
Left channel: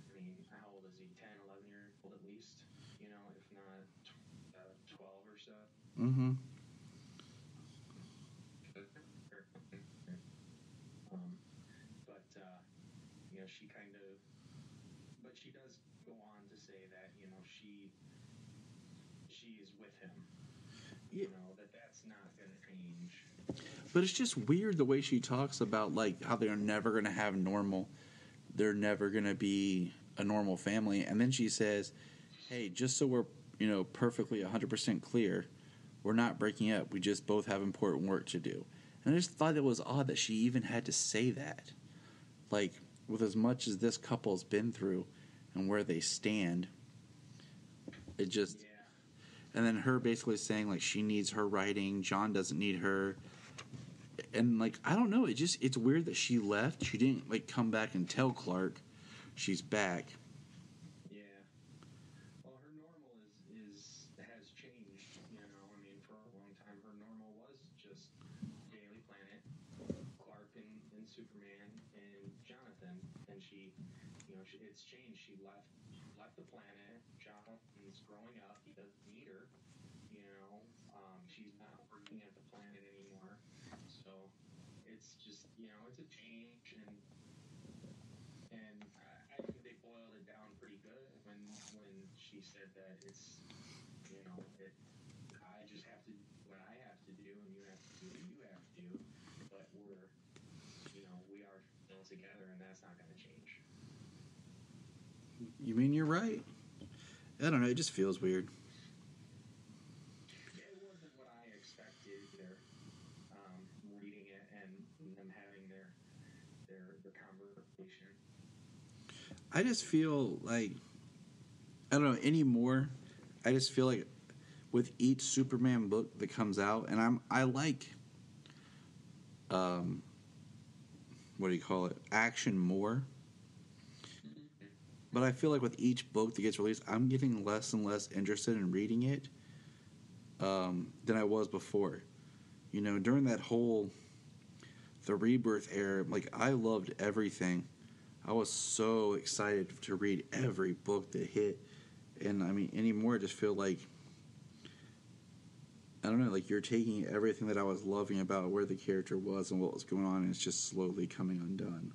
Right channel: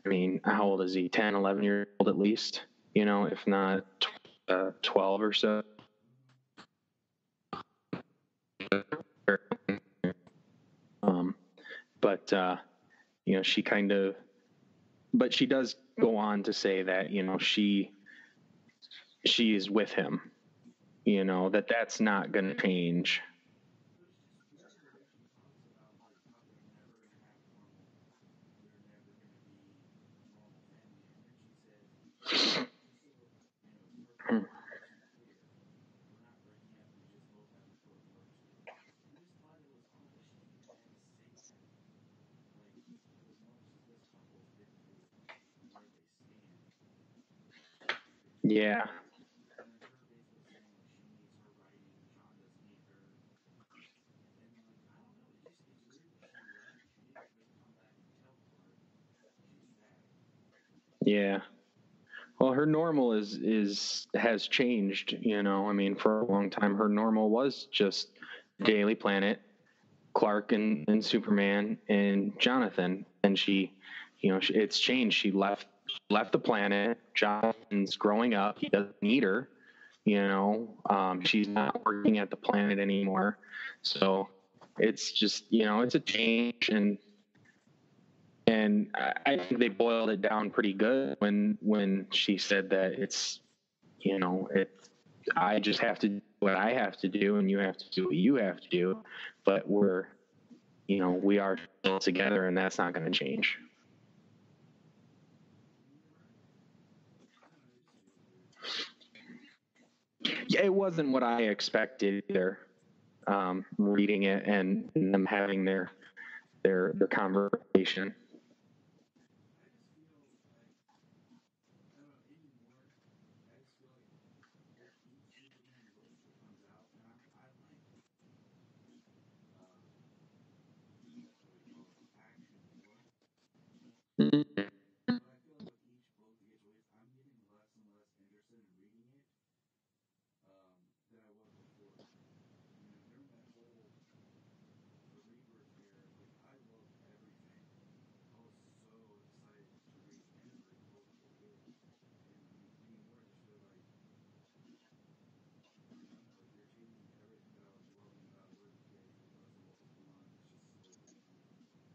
I mean, how old is he? 10, 11 years old at least, you know, if not 12 or so. Mm-hmm. But you know, but she does go on to say that, you know, she is with him, you know, that's not going to change. But it's just weird the way she talks about, like, how they're never going to have they're never going to be a normal family. And then she says, "Hey, just so we're, you know, perfectly 100% clear, we're not breaking up. We just both have important work to do." And I just thought it was odd that she even had to say that. Like, with as much as this couple's been through and where they stand, it just... Yeah. And then her basically saying, like, she needs her writing, John doesn't need her. And, like, I don't know, it's weird that she left. She didn't, like, come back and tell Clark she's back. Yeah. Well, her normal has changed, you know. I mean, for a long time, her normal was just Daily Planet, Clark and Superman and Jonathan. And she, you know, it's changed. She left the planet. Jonathan's growing up. He doesn't need her, you know. She's not working at the planet anymore. So it's just, you know, it's a change. And I think they boiled it down pretty good when she said that it's, you know, I just have to do what I have to do, and you have to do what you have to do. But we're we are still together, and that's not going to change. You mean you're right? I don't know. It just feels weird. Yeah, it wasn't what I expected either. Reading it and them having their conversation. I just feel like, I don't know, anymore. I just feel like with each Superman book that comes out, and I like, what do you call it, action more. Mm-hmm. But I feel like with each book that gets released, I'm getting less and less interested in reading it than I was before. During that the Rebirth era, like, I loved everything. I was so excited to read every book that hit. And, I mean, anymore, I just feel like, I don't know, like, you're taking everything that I was loving about where the character was and what was going on, and it's just slowly coming undone.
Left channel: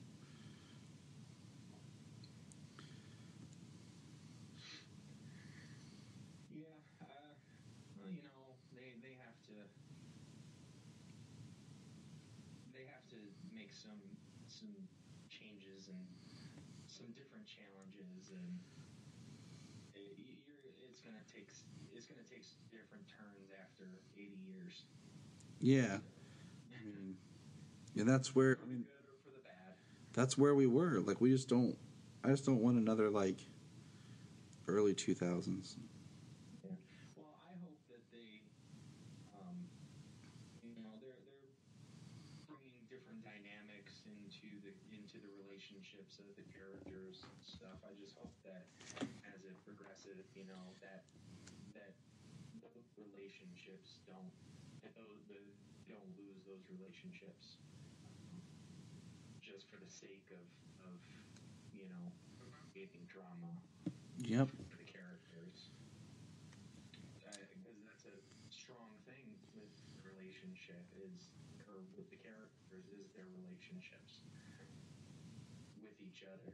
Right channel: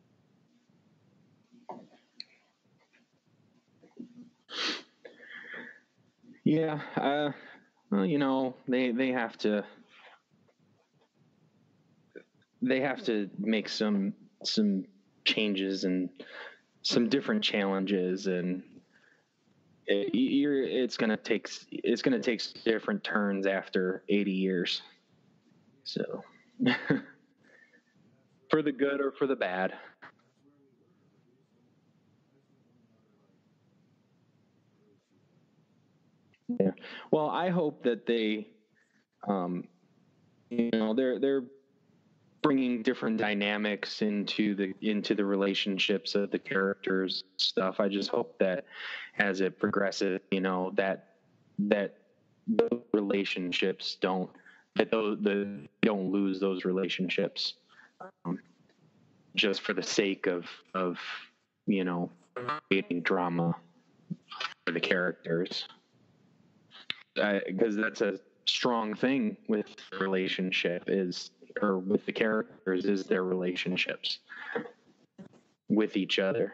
Yeah, well, they have to make some changes and some different challenges, and it's gonna take different turns after 80 years. Yeah. So. Yeah, that's where, for the good or for the bad. That's where we were. Like, I just don't want another, like, early 2000s. Yeah. Well, I hope that they, they're bringing different dynamics into the relationships of the characters stuff. I just hope that as it progresses, that those relationships don't lose those relationships, just for the sake of creating drama. Yep. For the characters. Because that's a strong thing with the relationship with the characters is their relationships with each other.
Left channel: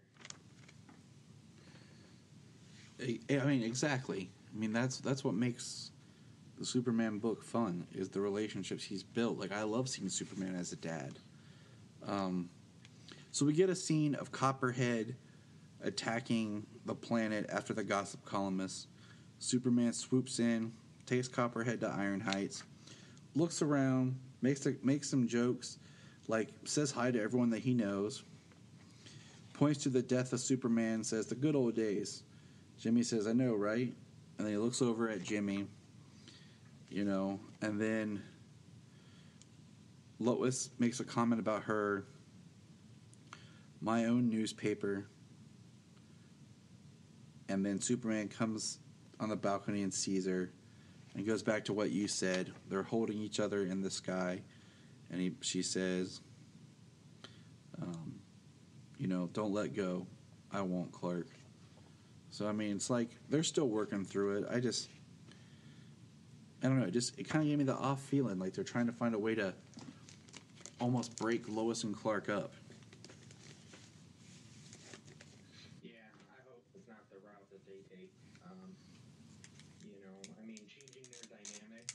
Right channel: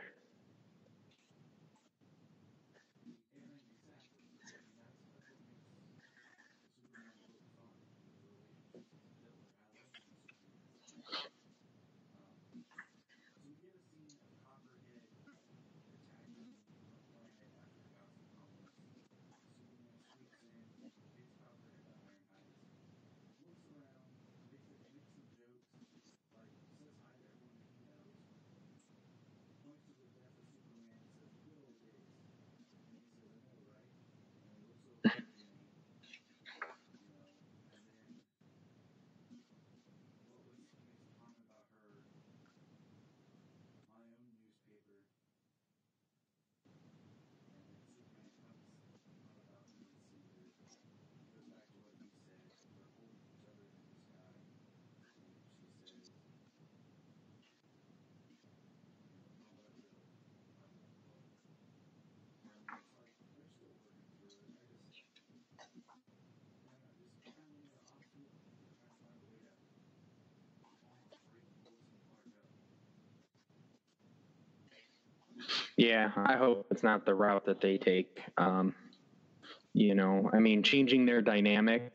I mean, exactly. I mean, that's what makes the Superman book fun, is the relationships he's built. Like, I love seeing Superman as a dad. So we get a scene of Copperhead attacking the planet after the gossip columnist. Superman swoops in, takes Copperhead to Iron Heights, looks around, makes some jokes, like says hi to everyone that he knows, points to the death of Superman, says, "The good old days." Jimmy says, "I know, right?" And then he looks over at Jimmy, and then Lois makes a comment about her, "My own newspaper." And then Superman comes on the balcony and sees her, and goes back to what you said. They're holding each other in the sky, and she says, "Don't let go. I won't, Clark." So, I mean, it's like they're still working through it. I don't know. It kind of gave me the off feeling, like they're trying to find a way to almost break Lois and Clark up. Yeah, I hope it's not the route that they take. I mean, changing their dynamic,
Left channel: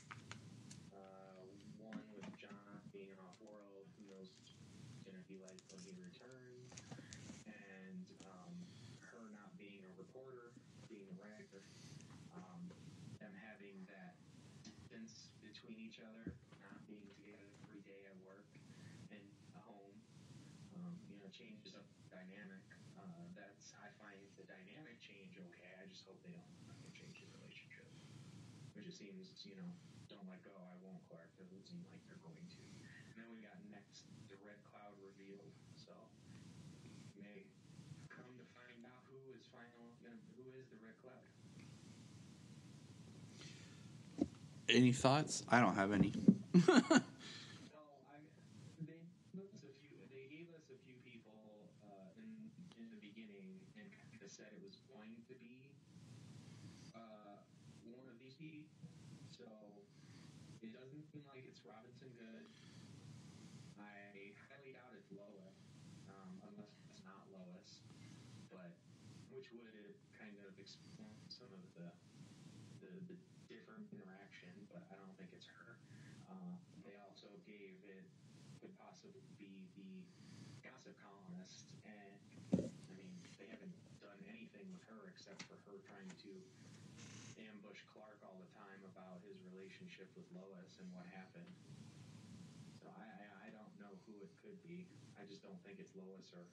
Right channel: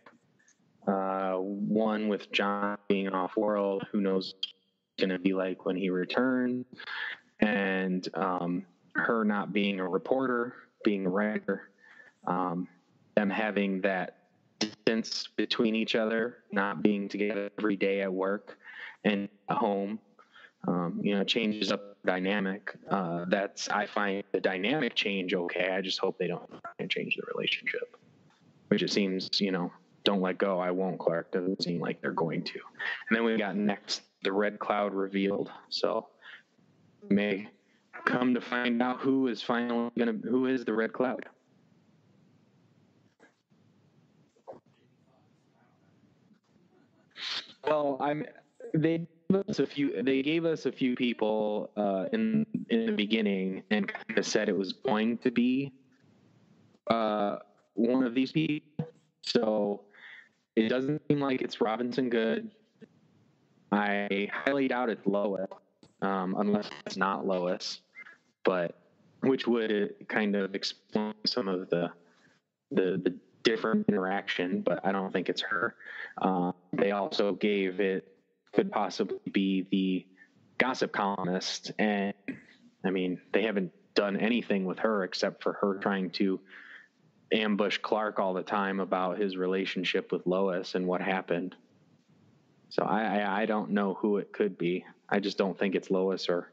one with John being off-world, who knows what it's going to be like when he returns, and her not being a reporter, being a writer, them having that distance between each other, not being together every day at work and at home, changes up the dynamic. I find the dynamic change okay. I just hope they don't change the relationship, which it seems, don't let go, I won't, Clark. Doesn't seem like they're going to. And then we got next the Red Cloud revealed. So may come to find out who is the Red Cloud. Any thoughts? I don't have any. Well, they gave us a few people in the beginning, and kind of said it was going to be one of these people. So it doesn't seem like it's Robinson Good. I highly doubt it's Lois, unless it's not Lois, but which would kind of explain some of the different interaction, but I don't think it's her. They also gave it could possibly be gossip columnist, and I mean, they haven't done anything with her except for her trying to ambush Clark all the time about his relationship with Lois and what happened. So I don't know who it could be. I just don't think it's Lois or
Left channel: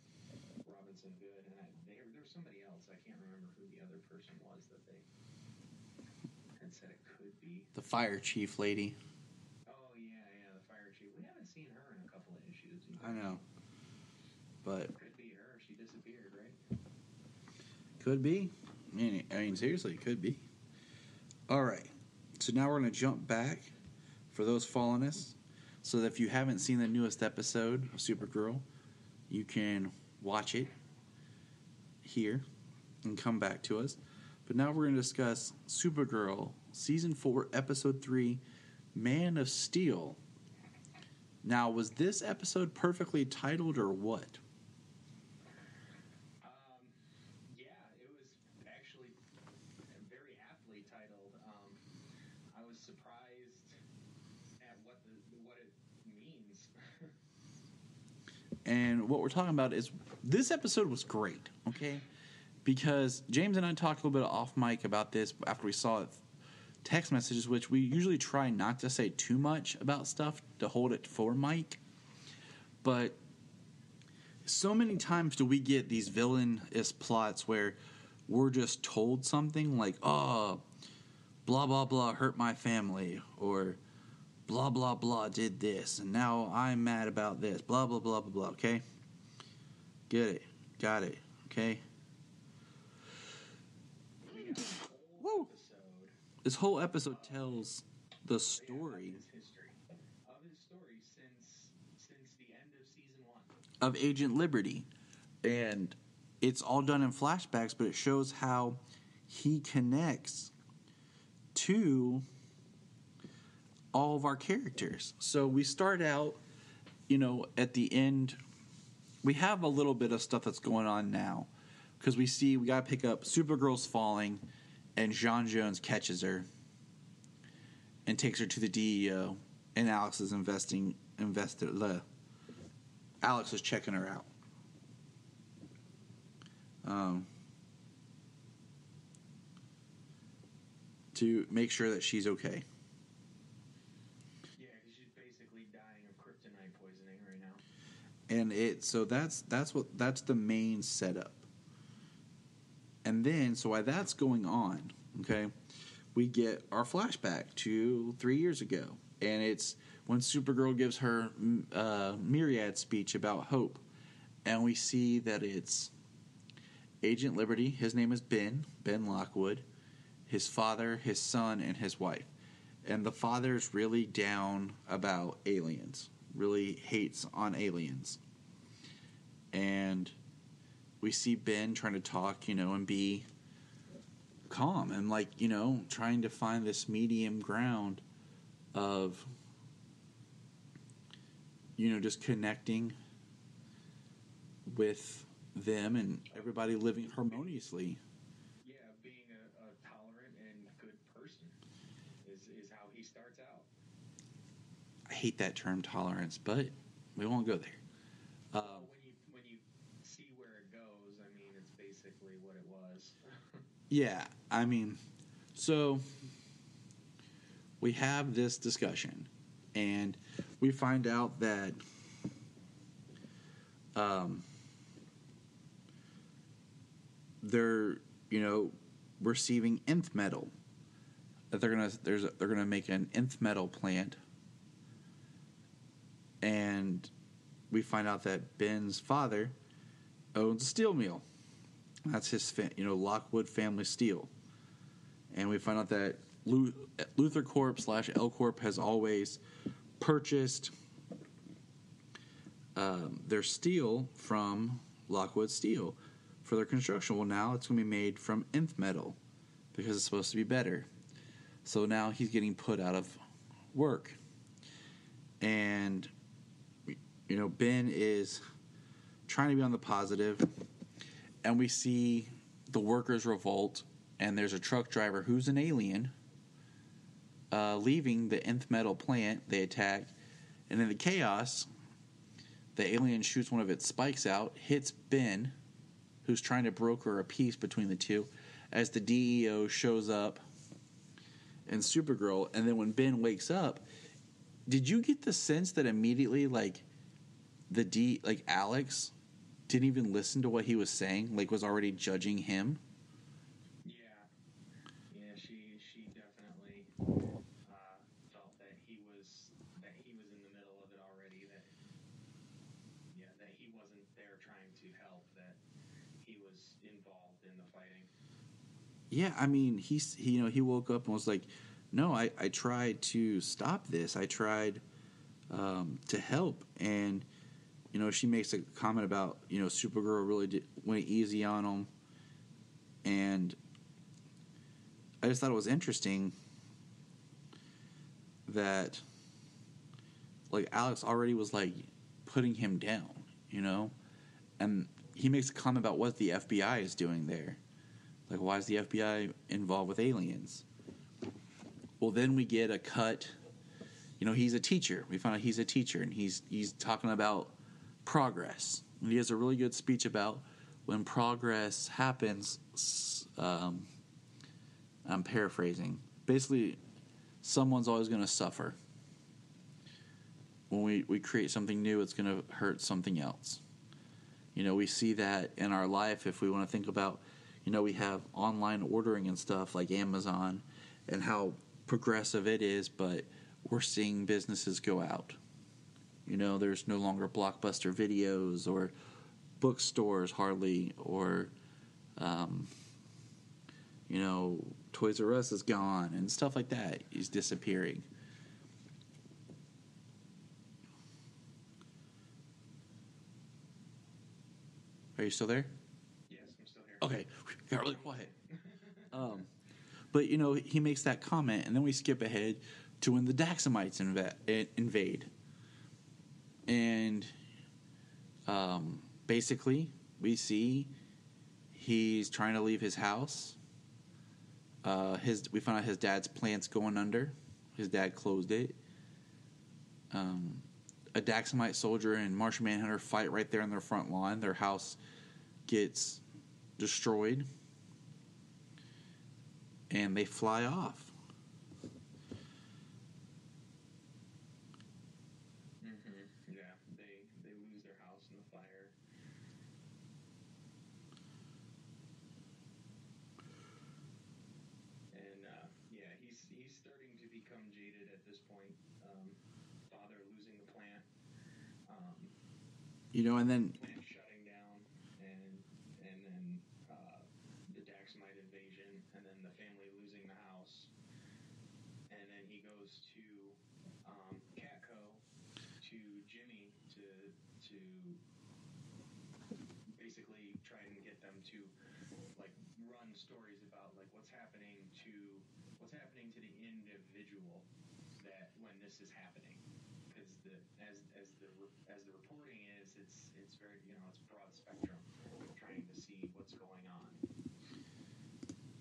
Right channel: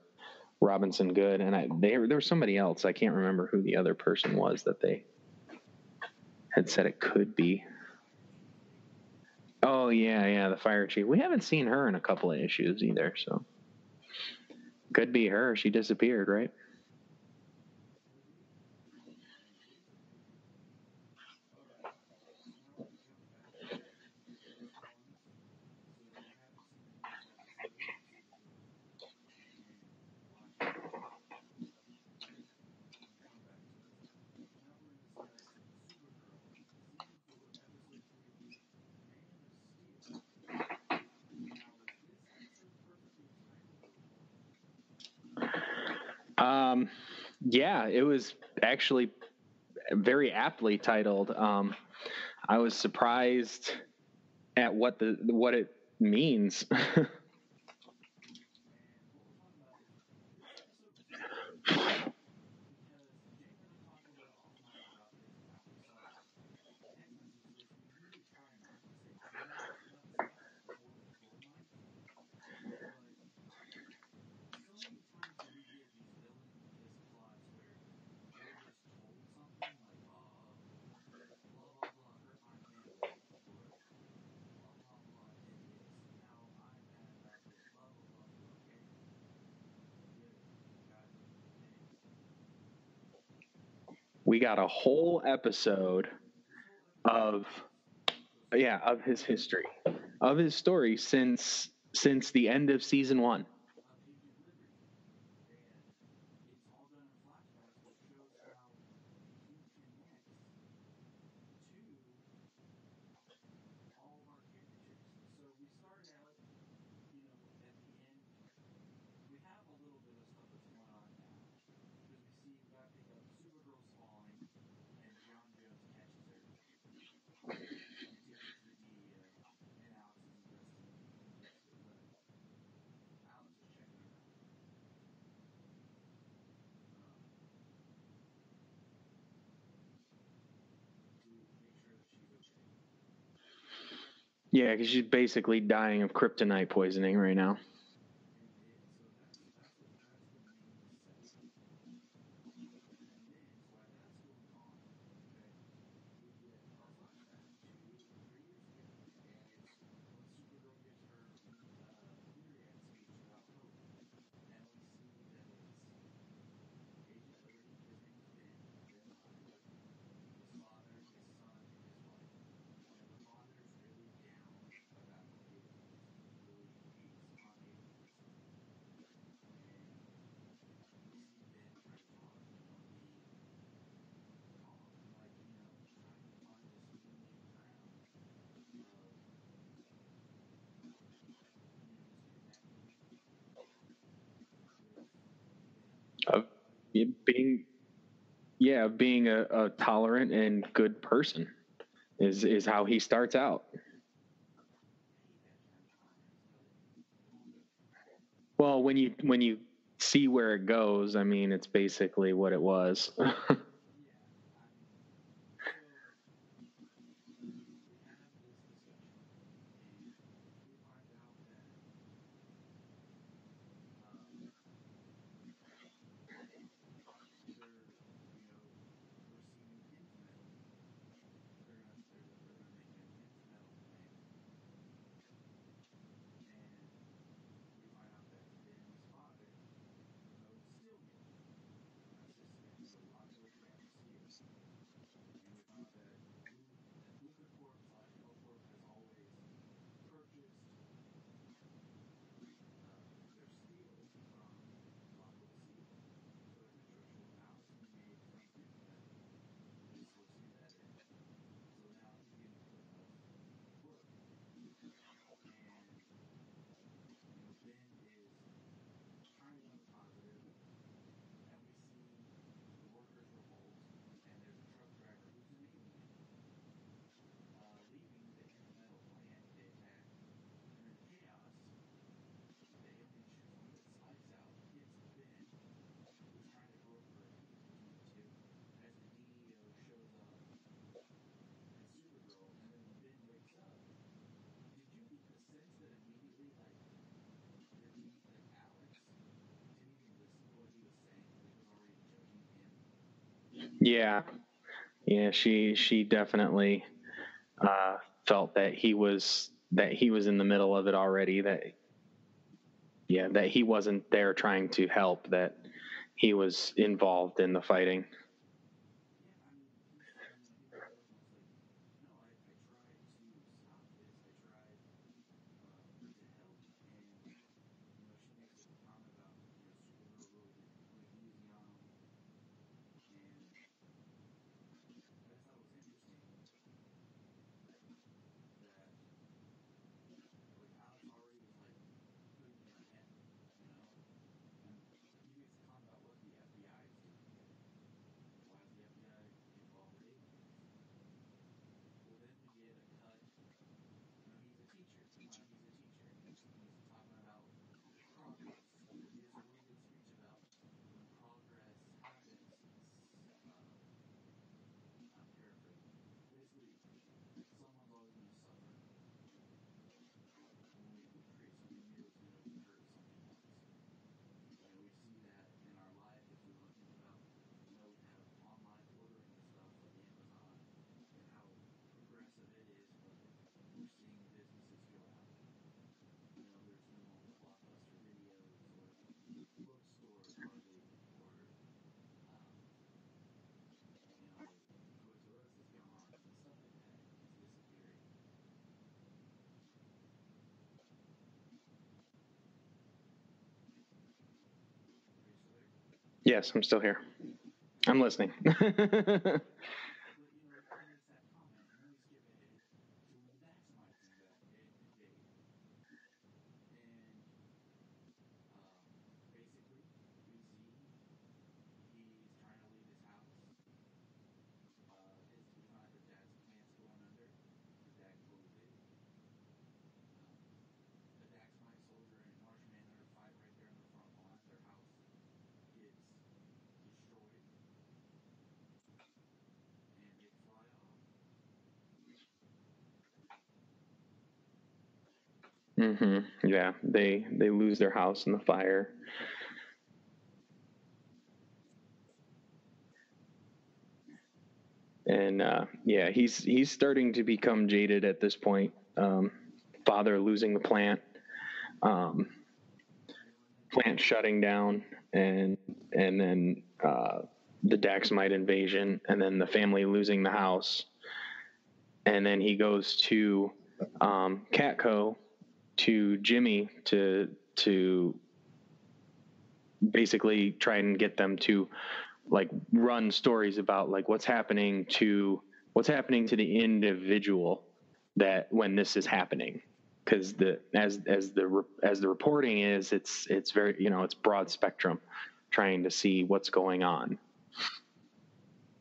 Robinson Good. And there was somebody else. I can't remember who the other person was that they had said it could be. The fire chief lady. Oh, yeah, the fire chief. We haven't seen her in a couple of issues either, so. But could be her. She disappeared, right? Could be. I mean, seriously, it could be. All right. So now we're going to jump back for those following us. So that if you haven't seen the newest episode of Supergirl, you can watch it here and come back to us. But now we're going to discuss Supergirl, Season 4, Episode 3, Man of Steel. Now, was this episode perfectly titled or what? Yeah, it was actually very aptly titled. I was surprised at what it means. And what we're talking about is this episode was great because James and I talked a little bit off mic about this after we saw it. Text messages, which we usually try not to say too much about stuff to hold it for mic, but so many times do we get these villainous plots where we're just told something like, oh, blah blah blah hurt my family, or blah, blah, blah did this, and now I'm mad about this. Blah, blah, blah, blah, blah, okay? Get it. Got it, okay? We got a whole episode. This whole episode tells the story. Yeah, of his history. Of his story since the end of Season 1. Of Agent Liberty. And it's all done in flashbacks, but it shows how he connects to all of our characters. So we start out, at the end, we have a little bit of stuff that's going on now. Because we got to pick up Supergirl's falling, and J'onn J'onzz catches her and takes her to the DEO, and Alex is Alex is checking her out. To make sure that she's okay. Yeah, because she's basically dying of kryptonite poisoning right now. And that's the main setup. And then, so while that's going on, okay, we get our flashback to 3 years ago. And it's when Supergirl gives her myriad speech about hope. And we see that it's Agent Liberty, his name is Ben Lockwood, his father, his son, and his wife. And the father's really down about aliens, really hates on aliens. And we see Ben trying to talk, and be calm and trying to find this medium ground of, just connecting with them and everybody living harmoniously. Being a tolerant and good person is how he starts out. I hate that term tolerance, but we won't go there. Well, when you see where it goes, I mean, it's basically what it was. Yeah, I mean, so we have this discussion, and we find out that they're receiving nth metal. That they're gonna make an nth metal plant, and we find out that Ben's father owns a steel mill. That's his Lockwood Family Steel, and we find out that Luthor Corp / L Corp has always purchased their steel from Lockwood Steel for their construction. Well, now it's going to be made from nth metal because it's supposed to be better. So now he's getting put out of work. And, Ben is trying to be on the positive. And we see the workers revolt. And there's a truck driver who's an alien leaving the nth metal plant. They attack. And in the chaos, the alien shoots one of its spikes out, hits Ben, who's trying to broker a peace between the two, as the DEO shows up and Supergirl. And then when Ben wakes up, did you get the sense that immediately, like, Alex didn't even listen to what he was saying, like, was already judging him? Yeah, she definitely felt that he was in the middle of it already. That he wasn't there trying to help. That he was involved in the fighting. Yeah, I mean, he woke up and was like, "No, I tried to stop this. I tried to help." And she makes a comment about Supergirl really went easy on him, and I just thought it was interesting that, like, Alex already was, like, putting him down, and he makes a comment about what the FBI is doing there. Like, why is the FBI involved with aliens? Well, then we get a cut. He's a teacher. We find out he's a teacher, and he's talking about progress. And he has a really good speech about when progress happens. I'm paraphrasing. Basically, someone's always going to suffer. When we create something new, it's going to hurt something else. We see that in our life. If we want to think about, we have online ordering and stuff like Amazon and how progressive it is, but we're seeing businesses go out. There's no longer Blockbuster videos or bookstores hardly, or, Toys R Us is gone and stuff like that is disappearing. Are you still there? Yes, I'm still here. Okay. I'm listening. But, he makes that comment, and then we skip ahead to when the Daxamites invade. And basically, we see he's trying to leave his house. We found out his dad's plant's going under. His dad closed it. A Daxamite soldier and Martian Manhunter fight right there on their front lawn. Their house gets destroyed, and they fly off. Mm-hmm. Yeah, they lose their house in the fire. And he's starting to become jaded at this point. Father losing the plant, and then plant shutting down, and then the Daxamite invasion, and then the family losing the house, and then he goes to Catco, to Jimmy to basically try and get them to, like, run stories about, like, what's happening to the individual that when this is happening, because as the reporting is, it's very, it's broad spectrum, trying to see what's going on.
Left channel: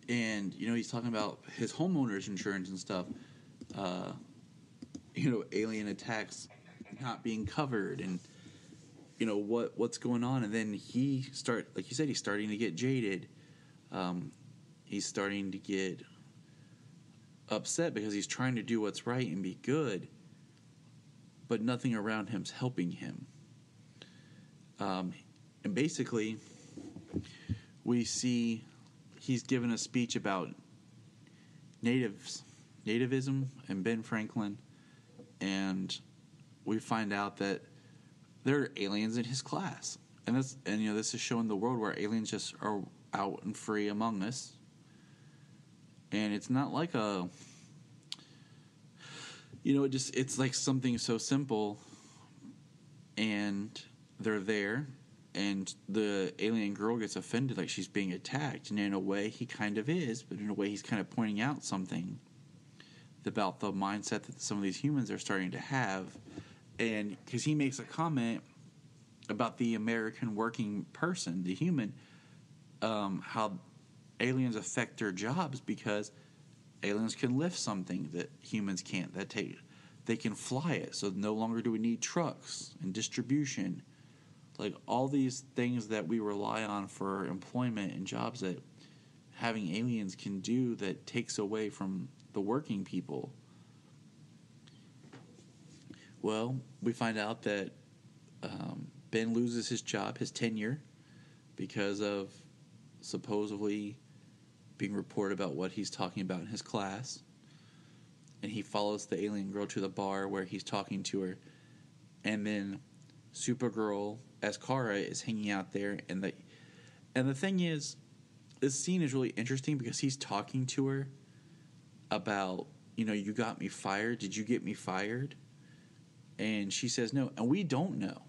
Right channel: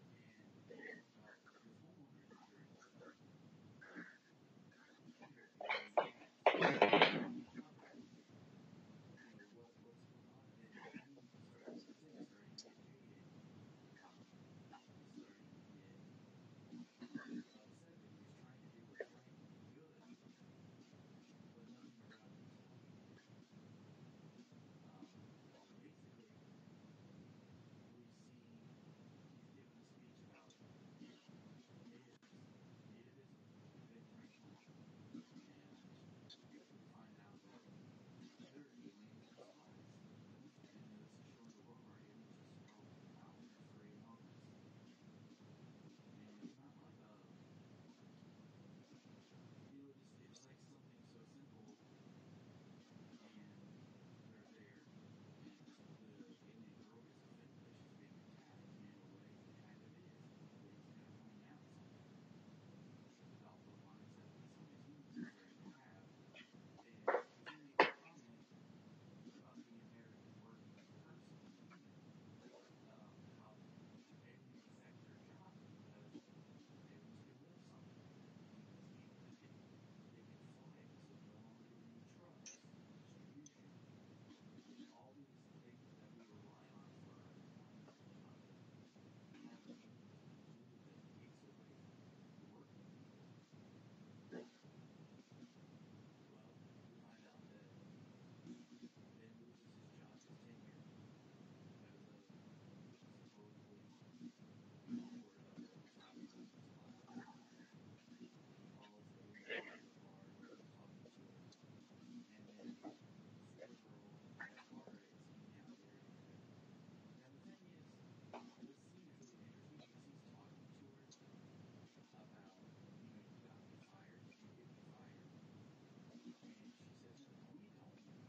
And he's talking about his homeowner's insurance and stuff. Alien attacks not being covered, and what's going on. And then like you said, he's starting to get jaded. He's starting to get upset because he's trying to do what's right and be good, but nothing around him's helping him. And basically, we see he's given a speech about nativism and Ben Franklin, and we find out that there are aliens in his class, and this is showing the world where aliens just are out and free among us. And it's not like it's like something so simple, and they're there, and the alien girl gets offended like she's being attacked, and in a way he kind of is, but in a way he's kind of pointing out something about the mindset that some of these humans are starting to have. And because he makes a comment about the American working person, the human, how aliens affect their jobs because aliens can lift something that humans can't, that they can fly it, so no longer do we need trucks and distribution. Like, all these things that we rely on for employment and jobs that having aliens can do that takes away from the working people. Well, we find out that Ben loses his job, his tenure, because of supposedly being reported about what he's talking about in his class. And he follows the alien girl to the bar where he's talking to her. And then Supergirl, as Kara, is hanging out there. And the thing is, this scene is really interesting because he's talking to her about, you got me fired. Did you get me fired? And she says no. And we don't know.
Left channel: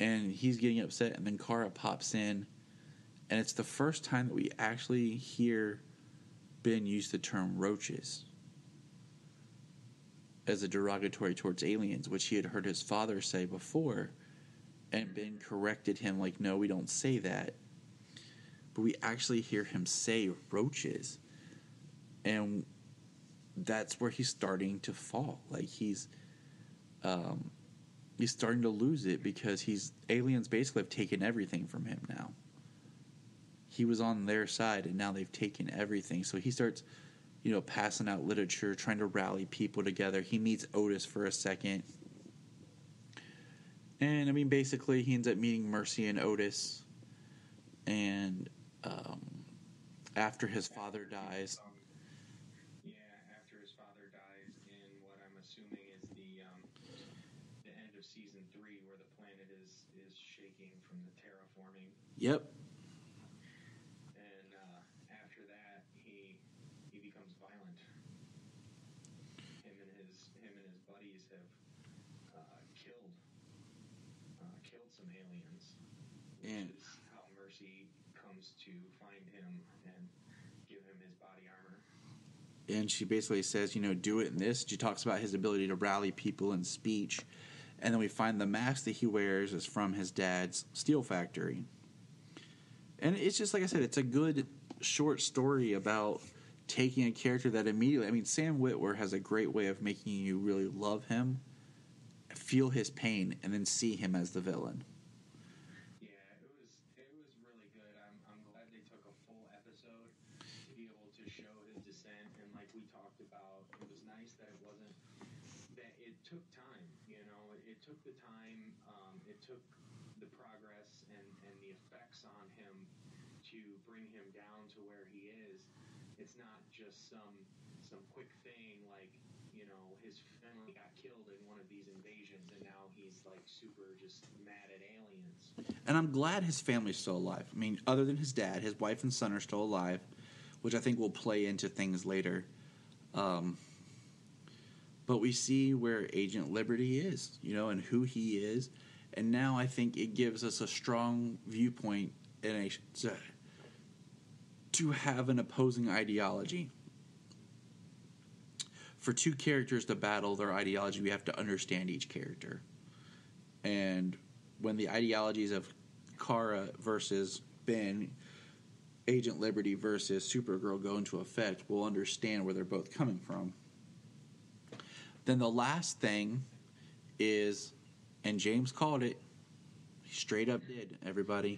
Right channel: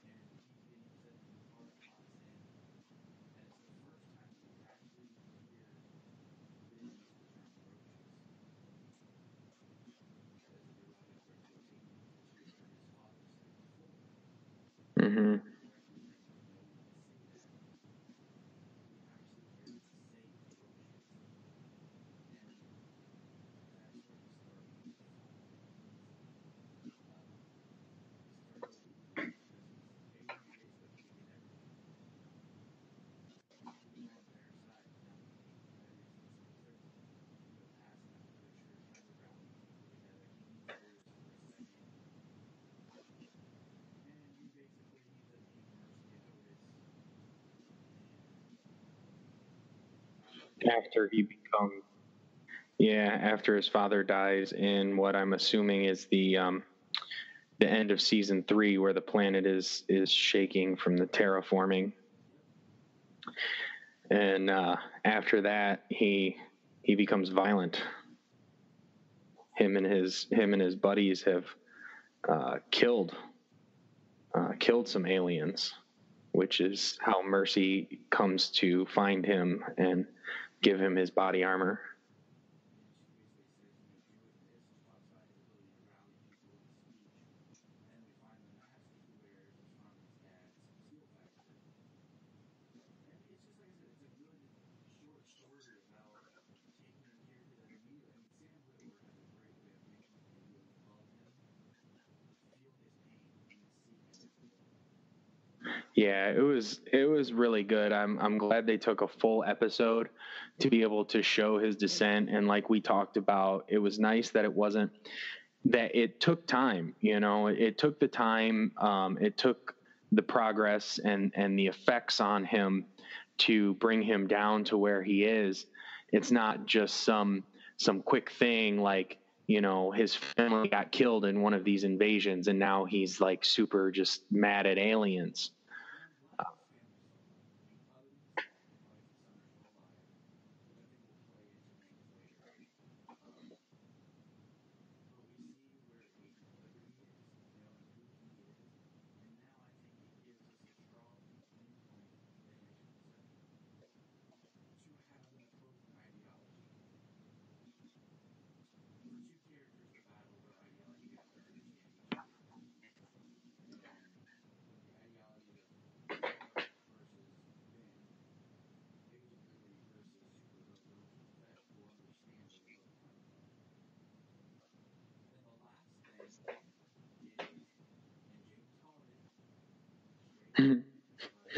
And he's getting upset. And then Kara pops in. And it's the first time that we actually hear Ben used the term roaches as a derogatory towards aliens, which he had heard his father say before, and Ben corrected him like, no, we don't say that. But we actually hear him say roaches, and that's where he's starting to fall. Like, he's starting to lose it because aliens basically have taken everything from him now. He was on their side, and now they've taken everything. So he starts, passing out literature, trying to rally people together. He meets Otis for a second. And, basically, he ends up meeting Mercy and Otis. And after his father dies... after his father dies in what I'm assuming is the end of Season 3, where the planet is shaking from the terraforming. Yep. And after that, he becomes violent. Him and his buddies have killed some aliens, which is how Mercy comes to find him and give him his body armor. And she basically says, do it in this. She talks about his ability to rally people in speech. And then we find the mask that he wears is from his dad's steel factory. And it's just, like I said, it's a good short story about taking a character that immediately... Sam Witwer has a great way of making you really love him, feel his pain, and then see him as the villain. Yeah, it was really good. I'm glad they took a full episode to be able to show his descent. And like we talked about, it was nice that it wasn't... that it took time, It took the time. It took the progress and the effects on him to bring him down to where he is. It's not just some quick thing like, his family got killed in one of these invasions and now he's like super just mad at aliens. And I'm glad his family's still alive. Other than his dad, his wife and son are still alive, which I think will play into things later. But we see where Agent Liberty is, and who he is. And now I think it gives us a strong viewpoint to have an opposing ideology. For two characters to battle their ideology, we have to understand each character. And when the ideologies of Kara versus Ben, Agent Liberty versus Supergirl go into effect, we'll understand where they're both coming from. Then the last thing is... and James called it. He straight up did, everybody.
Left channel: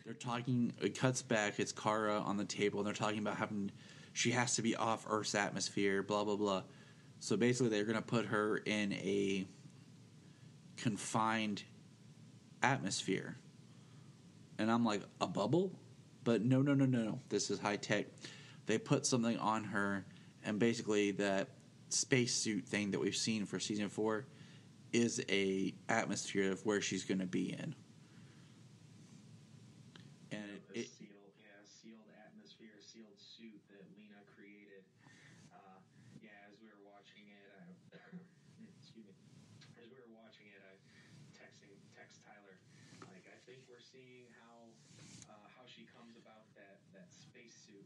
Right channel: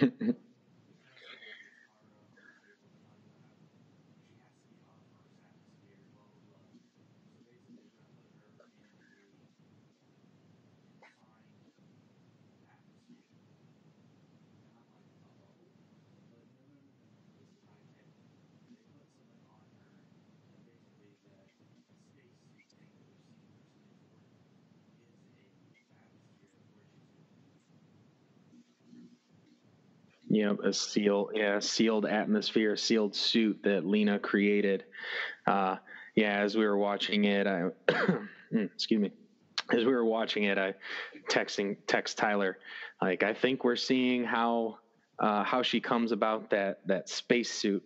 They're talking, it cuts back, it's Kara on the table, and they're talking about she has to be off Earth's atmosphere, blah, blah, blah. So basically they're going to put her in a confined atmosphere. And I'm like, a bubble? But no. This is high tech. They put something on her, and basically that spacesuit thing that we've seen for Season 4 is a atmosphere of where she's going to be in. Yeah, sealed atmosphere, sealed suit that Lena created. As we were watching it, excuse me. As we were watching it, I text Tyler, like, I think we're seeing how she comes about that space suit.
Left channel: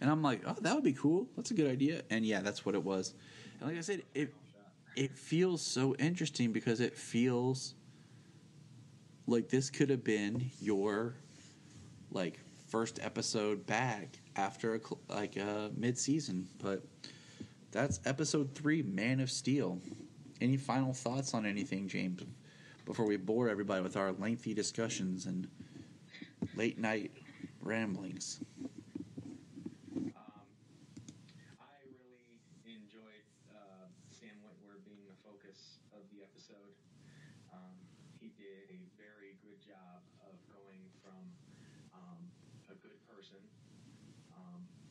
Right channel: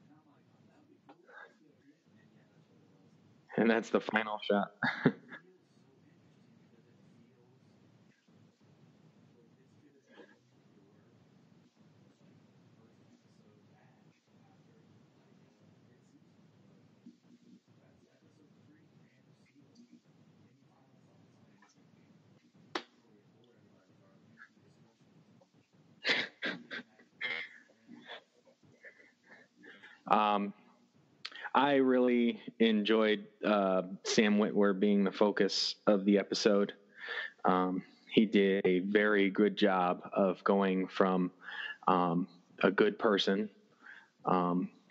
And I'm like, oh, that would be cool. That's a good idea. And yeah, that's what it was. And that's the final shot. It feels so interesting because it feels like this could have been your first episode back after a mid-season, but that's episode 3, Man of Steel. Any final thoughts on anything, James, before we bore everybody with our lengthy discussions and late night ramblings? I really enjoyed Sam Witwer being the focus of the episode. He did a very good job of going from a good person,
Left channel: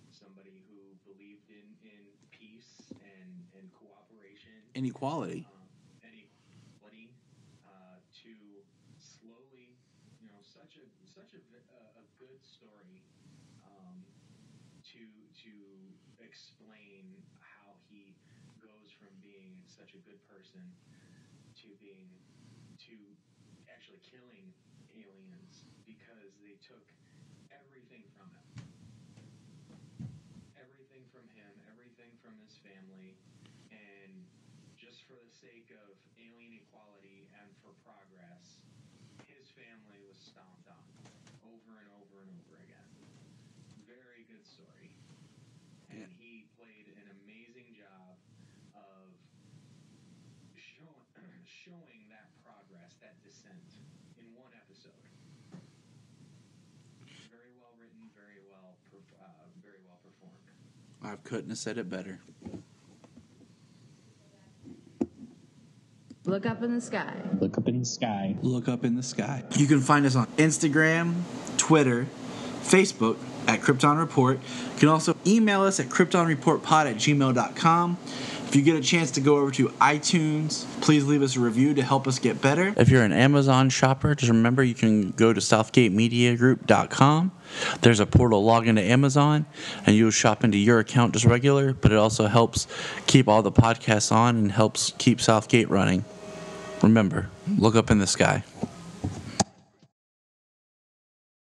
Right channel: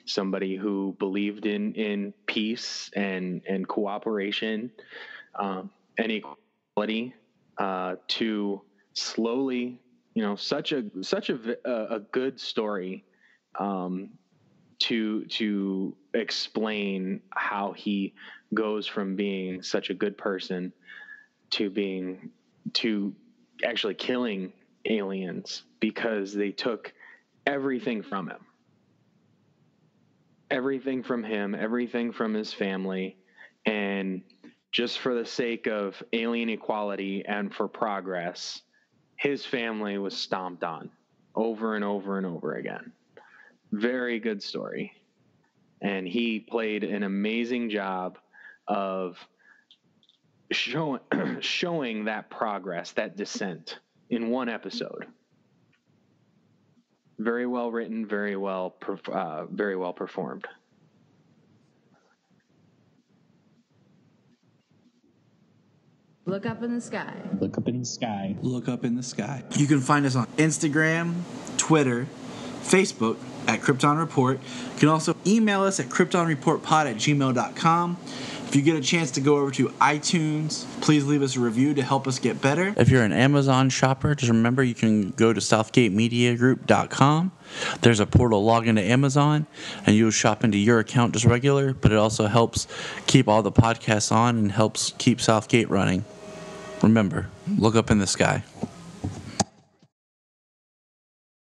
somebody who believed in peace and cooperation, and equality, to slowly, such a good story, to explain how he goes from being such a good person to actually killing aliens because they took everything from him. Everything from him, everything from his family, and just for the sake of alien equality and for progress, his family was stomped on over and over and over again. Very good story. And he played an amazing job of showing that progress, that descent in one episode. Very well written, very well performed. I couldn't have said it better. Look up in the sky. Look up in the sky. Look up in the sky. You can find us on Instagram, Twitter, Facebook at Krypton Report. You can also email us at kryptonreportpod@gmail.com. If you get a chance to go over to iTunes, please leave us a review to help us get better. If you're an Amazon shopper, just remember you can go to southgatemediagroup.com. There's a portal log into Amazon, and you'll shop into your account just regular, but it also helps keep all the podcasts on and helps keep Southgate running. Remember, look up in the sky.